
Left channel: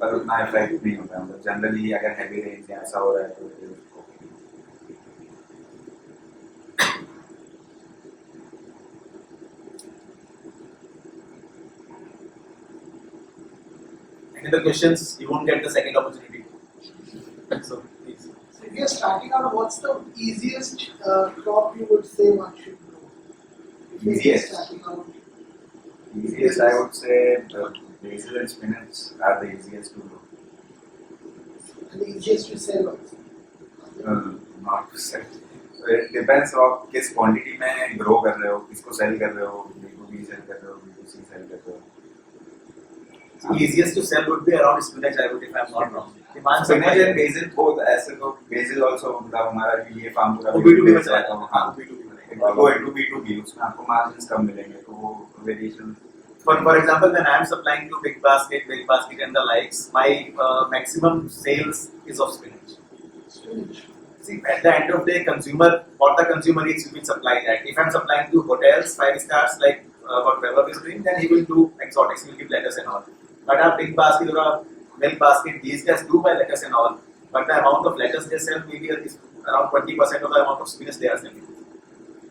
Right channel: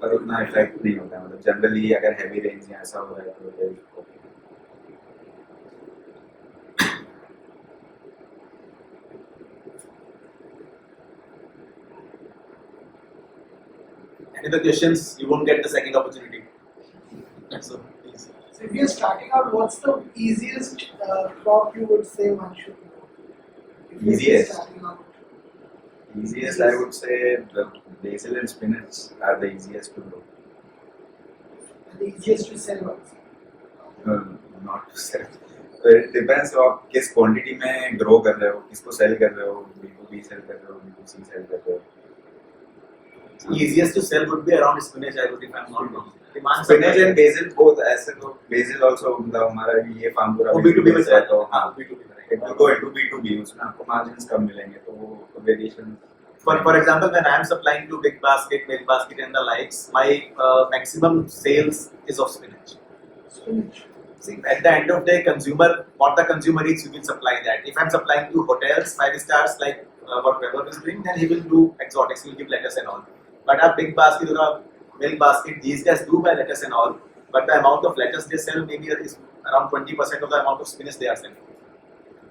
पर उतना effect नहीं होता मतलब generally अगर heavy rains या ऐसा हो रहा है तो it is okay. Any other questions? You won't get the second opportunity. So please. So if you're starting out, what's the easiest crop you would say one should know? If you're Easiest? starting out. Easiest I would say the basil and spinach are the easiest to grow. And the easiest to sell also. Not to sell. So it depends on किस quantity में grow कर रहे हो, किसको sell कर रहे हो, B2B sell कर रहे हो, B2C sell कर रहे हो. Easiest to sell would be around spinach, I would, if I'm not wrong. Demand Spinach supply. and basil both ऐसे तो basil also मतलब हमारा ये farm पूरा वो B2B में से है चला तो हाँ B2B में. it will go into B2B उसमें आपको margins कम मिलेंगे तो वो variation. For example, when I am supplying to Big Basket and the likes, my maximum sales is of spinach. Spinach. See, at the end of the day, what the consumer eats, you will supply that. If I'm supplying to hotels, 5 stars, like what Gabbar is doing, then he will do exotics, he will give lettuce and all. But a Big Basket or a Milk Basket, these guys do buy lettuce and all, but the amount of lettuce they sell maybe is around 20% of the amount of spinach they are selling.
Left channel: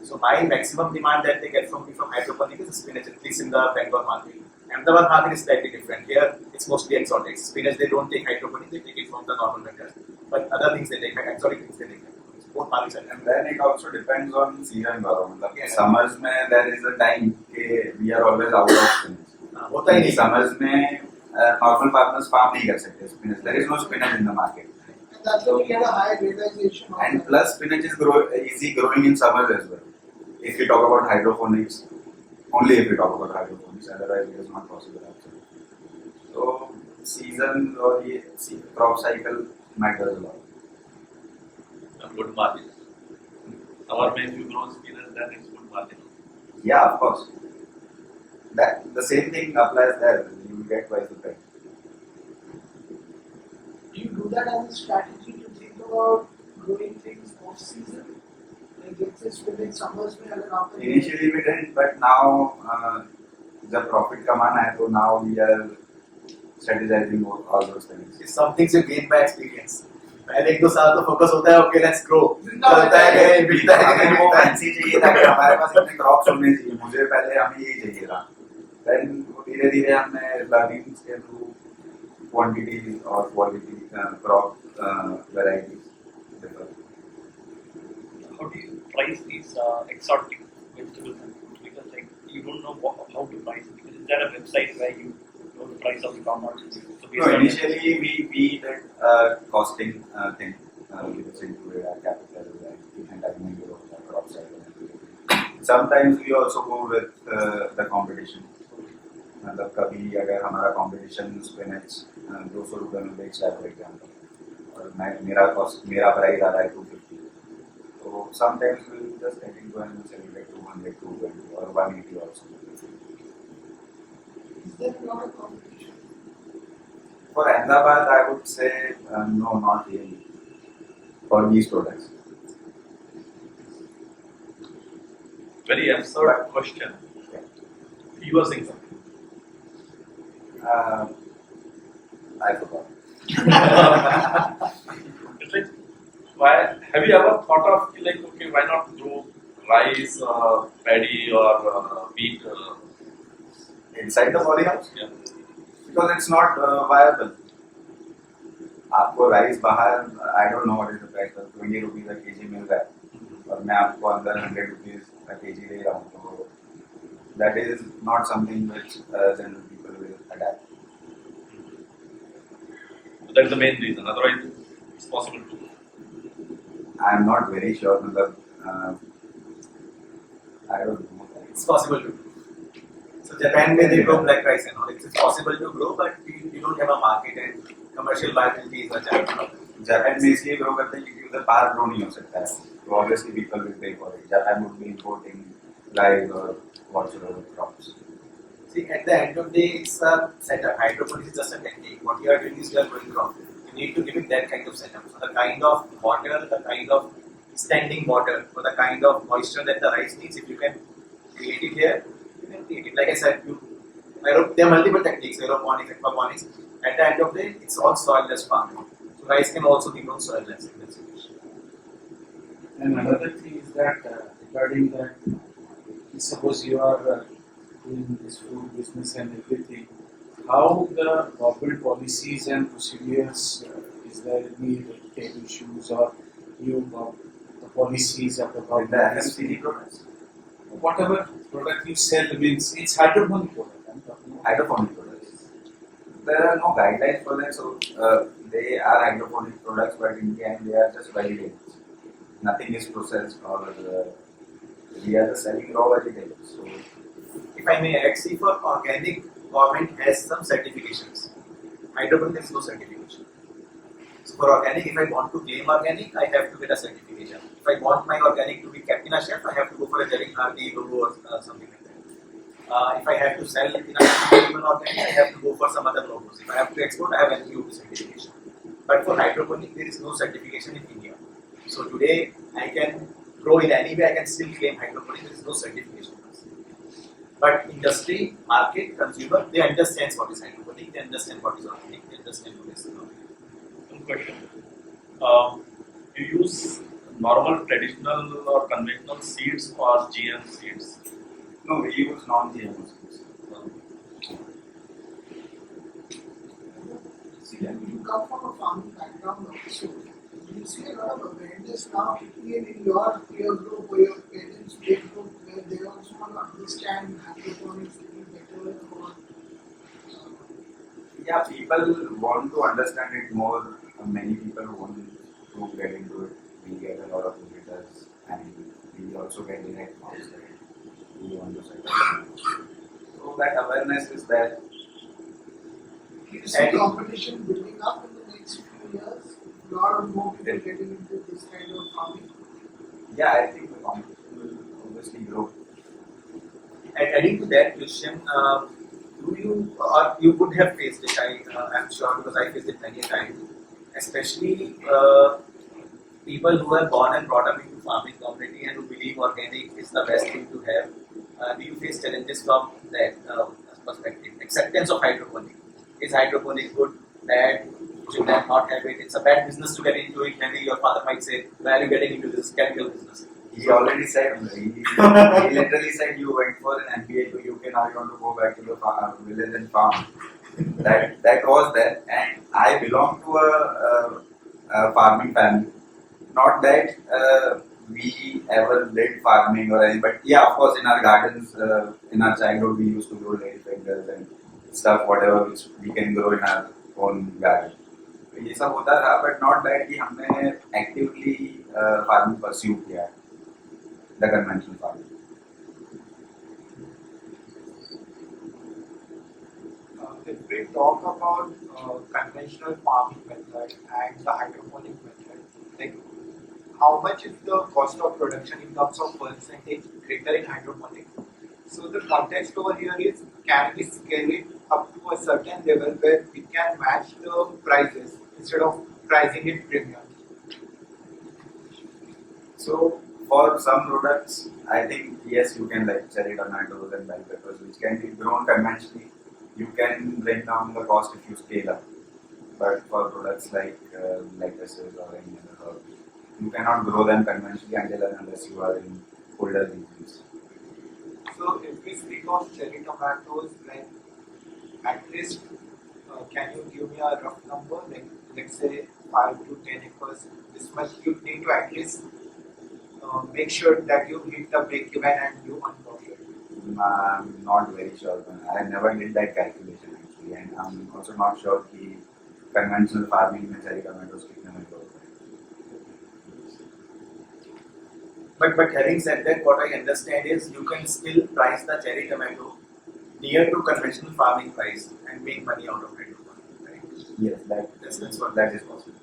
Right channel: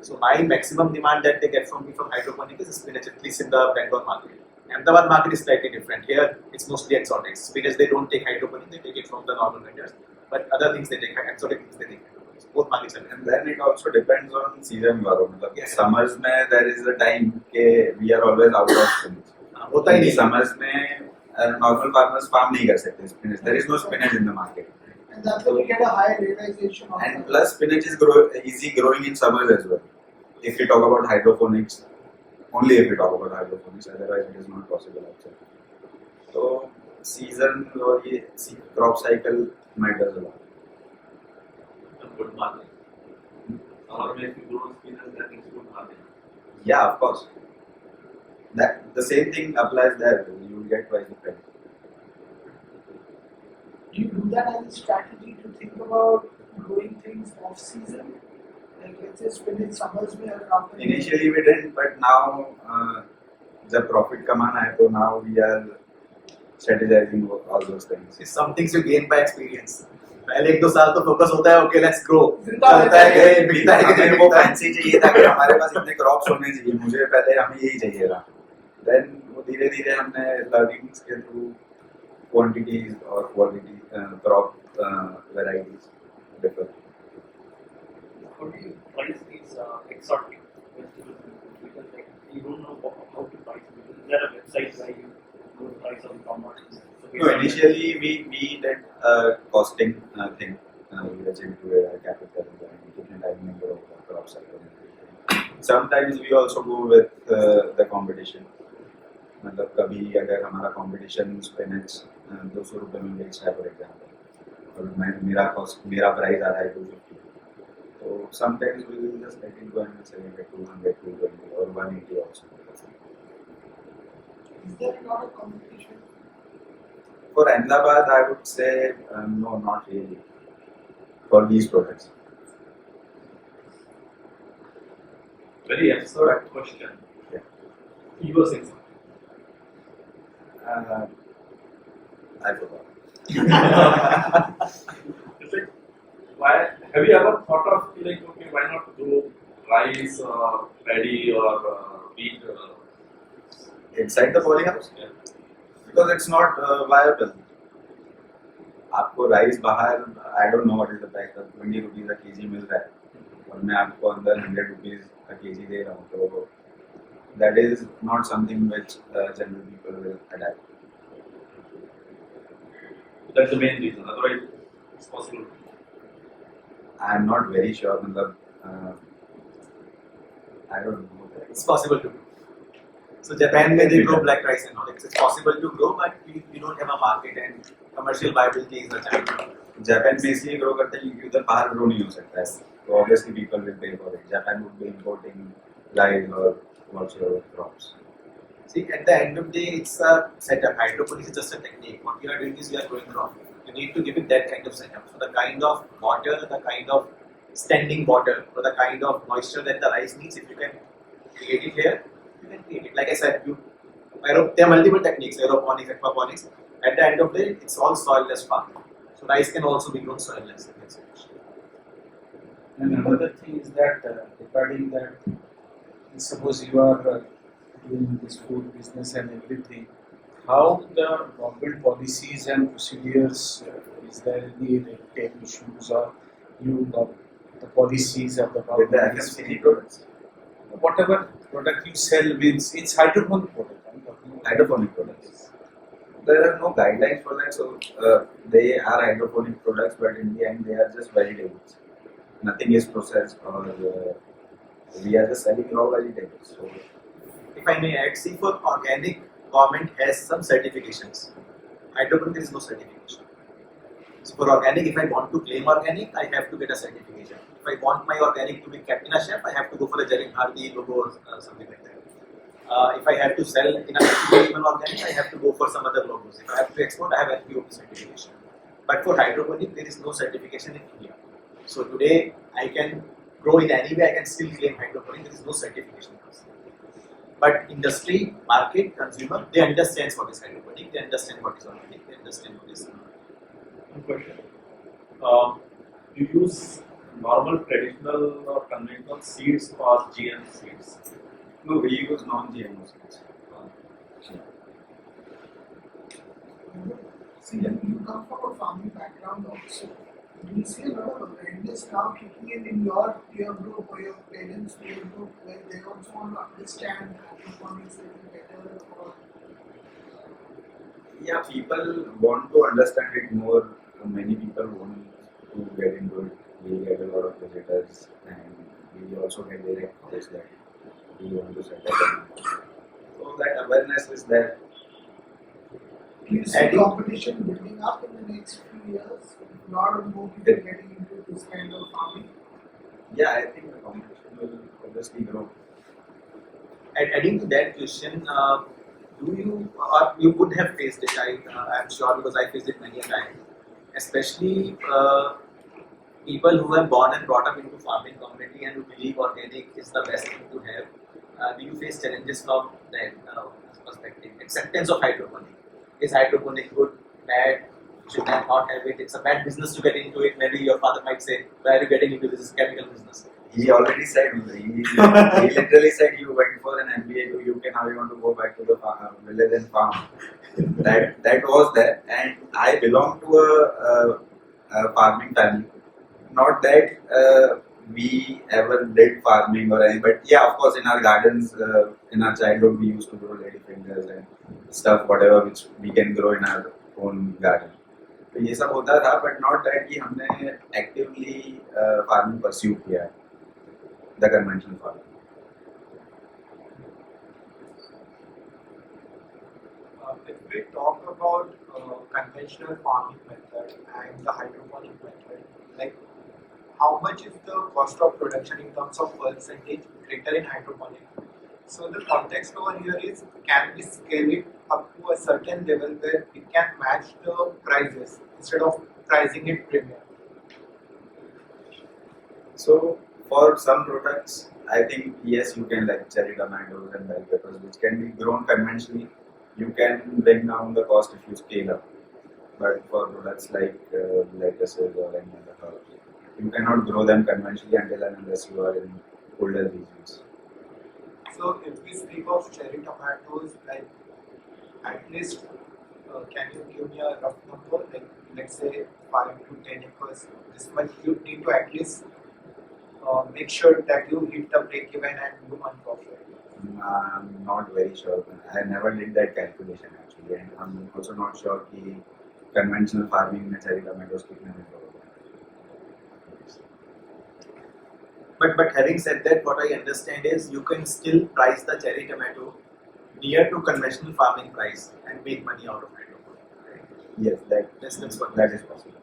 So my maximum demand that they get from me from hydroponic is spinach, at least in the Bangalore market. Ahmedabad market is slightly different. Here it's mostly exotics. Spinach they don't take hydroponic, they take it from the normal vendors. But other things they take, exotic things they take hydroponic. So both markets are And different. then it also depends on season वालों मतलब Yes. summers में there is a time के we are always out of spinach. होता ही नहीं. Summers में normal farmers farm नहीं कर सकते spinach. There is no spinach in the market. And that's why we get a high realization. of And that. plus spinach is easy growing in summers as well. If you talk about hydroponics, only if you talk about hydroponics, otherwise it is not possible actually. So season or ये crop cycle matters a lot. And good margins. Summer में if you grow spinach, then it's good margin. Yeah, of course. That the same thing applies there. You will get twice the price. Do you do that as a strategy to think about growing things off season? Like let's say spinach summers में अगर आप Initially we didn't, but now जब profit कमाना है तो now we are strategizing all those things. It's some things you gain by experience. पहले 1-2 साल तो फोकस होता है ओके लेट्स ग्रो जिंदा चलता है गए बिकता है हमें गए वो फैंसी चाहिए था कि हमारे पास इतने क्रॉप्स होने चाहिए मुझे पहले हमें यही चाहिए था देन वो धीरे धीरे हमने लर्निंग्स के थ्रू क्वांटिटीज और quality crop varieties differ How do you price these exotic vegetables and fruits? Because like you don't know how to price it. Because is there a website where you know the price of the commodities? So No, initially we did a costing thing which included our capital and kitchen time and crop cycle and everything. Sometimes we also go with the competition. मतलब कभी अगर हमारा competition spinach 200 रुपए में बेच रहा है for example और मेरा प्राइस आ रहा है 250 तो sometimes we will just get into and sell it at 200 220 or 180 also. Is there a lot of competition? For Ahmedabad I would say no, not really for these products. Very absurd question. Yeah. You were saying something. I forgot. It's like, why have you ever thought of like, okay, why not grow rice, paddy, or wheat? Inside the polyhouse? Yeah. Because it's not viable. आपको rice बाहर I don't know what is the price 20 rupees a kg मिल रहा है और मैं आपको अंदर 100 rupees a KG दे रहा हूँ तो that is not something which general people will adopt. That's the main reason. Otherwise, it's possible to. I am not very sure मतलब I don't know. It's possible to do. So Japan में they grow black rice and all. It's possible to grow, but we don't have a market and commercial viability is a challenge. Japan में इसलिए grow करते हैं क्योंकि उधर बाहर grow नहीं हो सकता है तो obviously people will pay for it. Japan would be importing rice और whatsoever crops. See, at the end of the day, it's a setup. Hydroponics is just a technique. What you are doing is you are growing crop. You need to give it that kind of setup. So the kind of water, the kind of standing water, or the kind of moisture that the rice needs, if you can create it here, you can create it. Like I said, there are multiple techniques, aeroponics, aquaponics. At the end of the day, it's all soilless farming. So rice can also be grown soilless. And another thing is that regarding that, suppose you are doing this food business and everything, how the government policies and procedures, is there any red tape issues or you got the policies of the With government? the FMCG products, Whatever product you sell means it's hydroponic product. I'm talking about. hydroponic products. There are no guidelines for that, so they are hydroponic products, but in the end they are just vegetables. Nothing is processed or we are just selling raw vegetables. So If I may add, see, for organic, government has some certifications. Hydroponic, there is no certification. So for organic, if I want to claim organic, I have to get a certification. If I want my organic to be kept in a shelf, I have to go for a Jarin Hardy logo or something like that. If I have to sell in a even organic, I have to go for some other logos. If I have to export, I have NPOP certification. But for hydroponic, there is no certification in India. So today, I can grow in any way, I can still claim hydroponic, there is no certification. But industry, market, consumer, they understand what is hydroponic, they understand what is organic, they understand what is not. One question. You use normal, traditional, or conventional seeds or GM seeds? no, we use non-GMO seeds. See, you come from a farming background also. Do you see a lot of awareness now kicking in your peer group or your parents' peer group where they also want to understand hydroponics a little better? Or, Yeah, people want to understand it more. Many people want to get into it. We get a lot of visitors, and we also get direct calls that we want to set up. So that awareness is there. do you see competition building up in the next few years? A lot of more people getting into this kind of farming. Yeah, I think the competition will obviously grow. Adding to that question, do you or you would have faced it? I'm sure because I faced it many a times, especially people who are born and brought up into farming community and who believe organic is the best thing to have. Do you face challenges from that perspective? Acceptance of hydroponic. Is hydroponic good, bad? Should I not have it? It's a bad business to get into it. Maybe your father might say, "Why are you getting into this chemical business?" He already said, he literally said you went for an MBA to UK, now you want to go back to the village and farm. That was there, and I belong to a farming family. Not that we ever did farming or anything, but yeah, of course, in our gardens, in our childhood, we used to grow ladyfingers and stuff, whatever which we can grow in our own garden. तो ये सब होता था, but not that कि हमने actively farming pursue किया the conventional farming. if we talk about conventional farming method and the hydroponic method, like how much is the cost of production in terms of percentage greater in hydroponic? So the context over here is, can we scale it up to a certain level where we can match the prices instead of pricing it premium? So for some products, I think yes, you can like cherry tomatoes and bell peppers, which can be grown conventionally. You can bring down the cost if you scale up. But for products like lettuces or any other herbs, you cannot grow them conventionally until and unless you are in colder regions. So if we speak of cherry tomatoes, like at least can you give me a rough number? Like let's say 5 to 10 acres. This much you need to at least make sure that you hit the break even and you earn profit. I'm not very sure. I never did that calculation actually, and I'm also not sure कि conventional farming में cherry tomatoes कितने में grow होते हैं. But having said that, what I understand is you can still price the cherry tomato near to conventional farming price and make money out of hydroponic, right? Yes, That's what that is possible.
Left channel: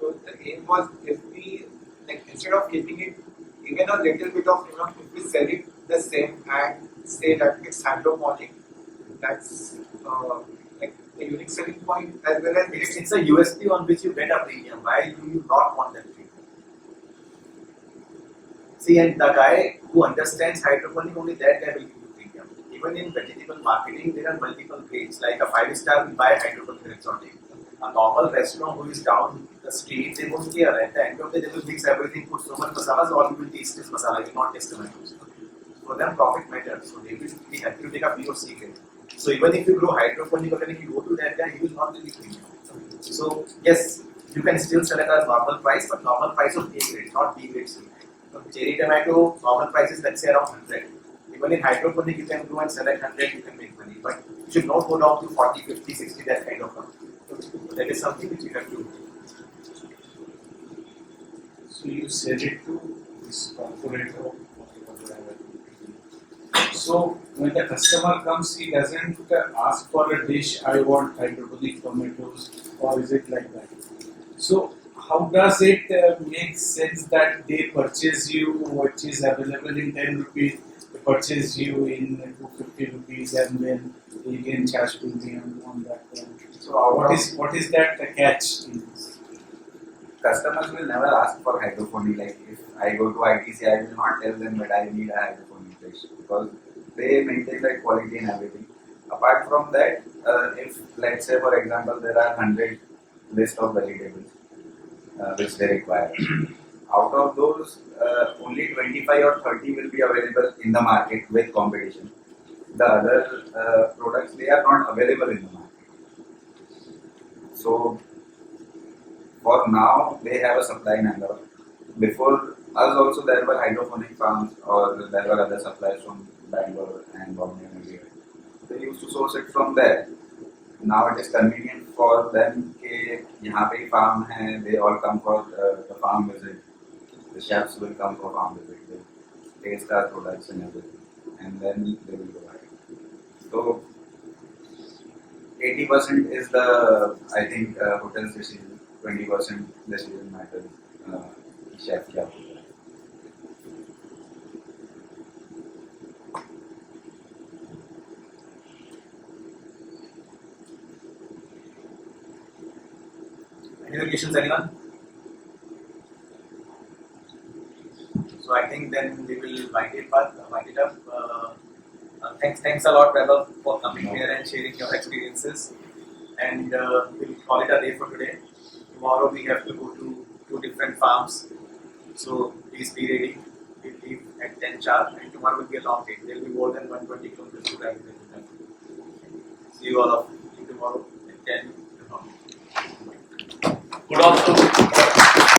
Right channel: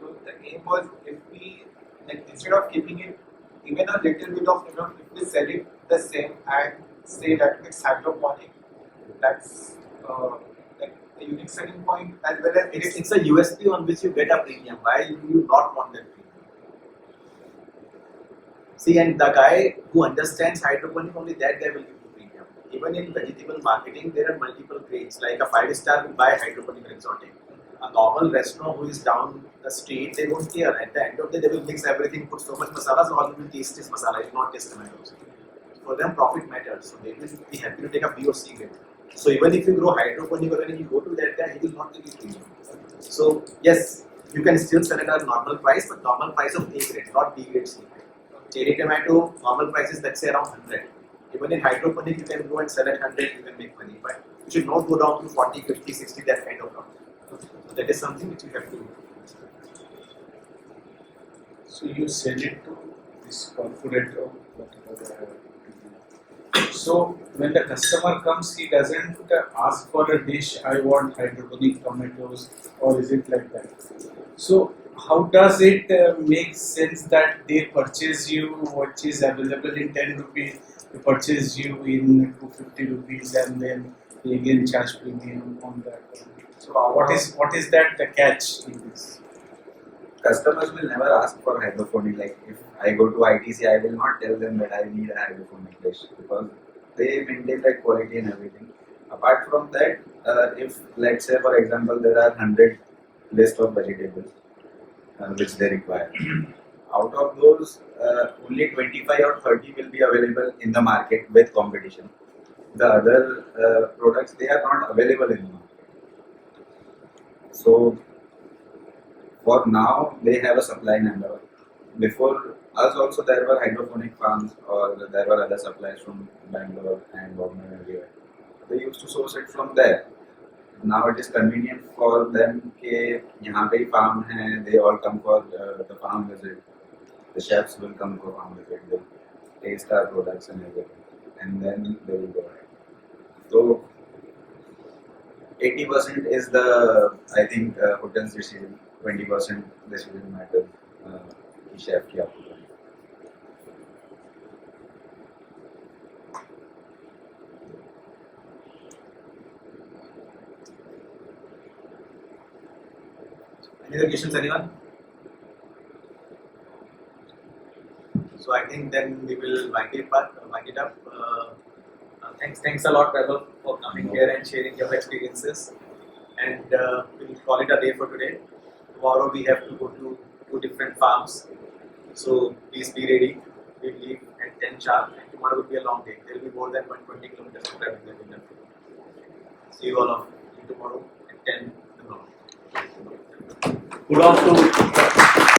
So the aim was, if we like instead of keeping it even a little bit of amount, if we sell it the same and say that it's hydroponic, that's like a unique selling point as well as it's a USP on which you get a premium. Why do you not want that premium? See, and the guy who understands hydroponic, only that guy will give you premium. Even in vegetable marketing, there are multiple grades. Like a 5-star will buy hydroponic or exotic. A normal restaurant who is down the street, they won't care. At the end of the day, they will mix everything, put so much masala, so all you will taste is masala, you will not taste tomatoes. For them, profit matters, so they will be happy to take a B or C grade. So even if you grow hydroponic or if you go to that guy, he will not give you premium. So yes, you can still sell at a normal price, but normal price of A grade, not B grade, C grade. Cherry tomato, normal price is let's say around 100. Even in hydroponic, you can go and sell at 100, you can make money, but you should not go down to 40, 50, 60, that kind of number. So that is something which you have to. So you sell it to this corporate or whatever. So when the customer comes, he doesn't ask for a dish, I want hydroponic tomatoes, or is it like that? So how does it make sense that they purchase you, which is available in 10 rupees, they purchase you in 250 rupees, and then they again charge premium on that one? So what is that catch in this? Customers will never ask for hydroponic. Like if I go to ITC, I will not tell them that I need a hydroponic dish because they maintain that quality and everything. Apart from that, if let's say for example there are 100 list of vegetables which they require, out of those only 25 or 30 will be available in the market with competition. The other products, they are not available in the market. So for now, they have a supply number. Before us also there were hydroponic farms or there were other suppliers from Bangalore and Bombay and everywhere. They used to source it from there. Now it is convenient for them कि यहाँ पे ही farm है, they all come for the farm visit. The chefs will come for farm visit. They taste our products and everything, and then they will go ahead. So 80% is the I think hotel's decision. 20% decision matters. कि chef क्या बोल रहा है. Any other questions, anyone? So I think then we will wind it up. Thanks a lot, Gabbar, for coming here and sharing your experiences. And we'll call it a day for today. Tomorrow we have to go to 2 different farms. So please be ready. We'll leave at 10 sharp, and tomorrow will be a long day. There will be more than 120 kilometers of travel that we have to do. See you all of you tomorrow at 10 in the morning. Kudos to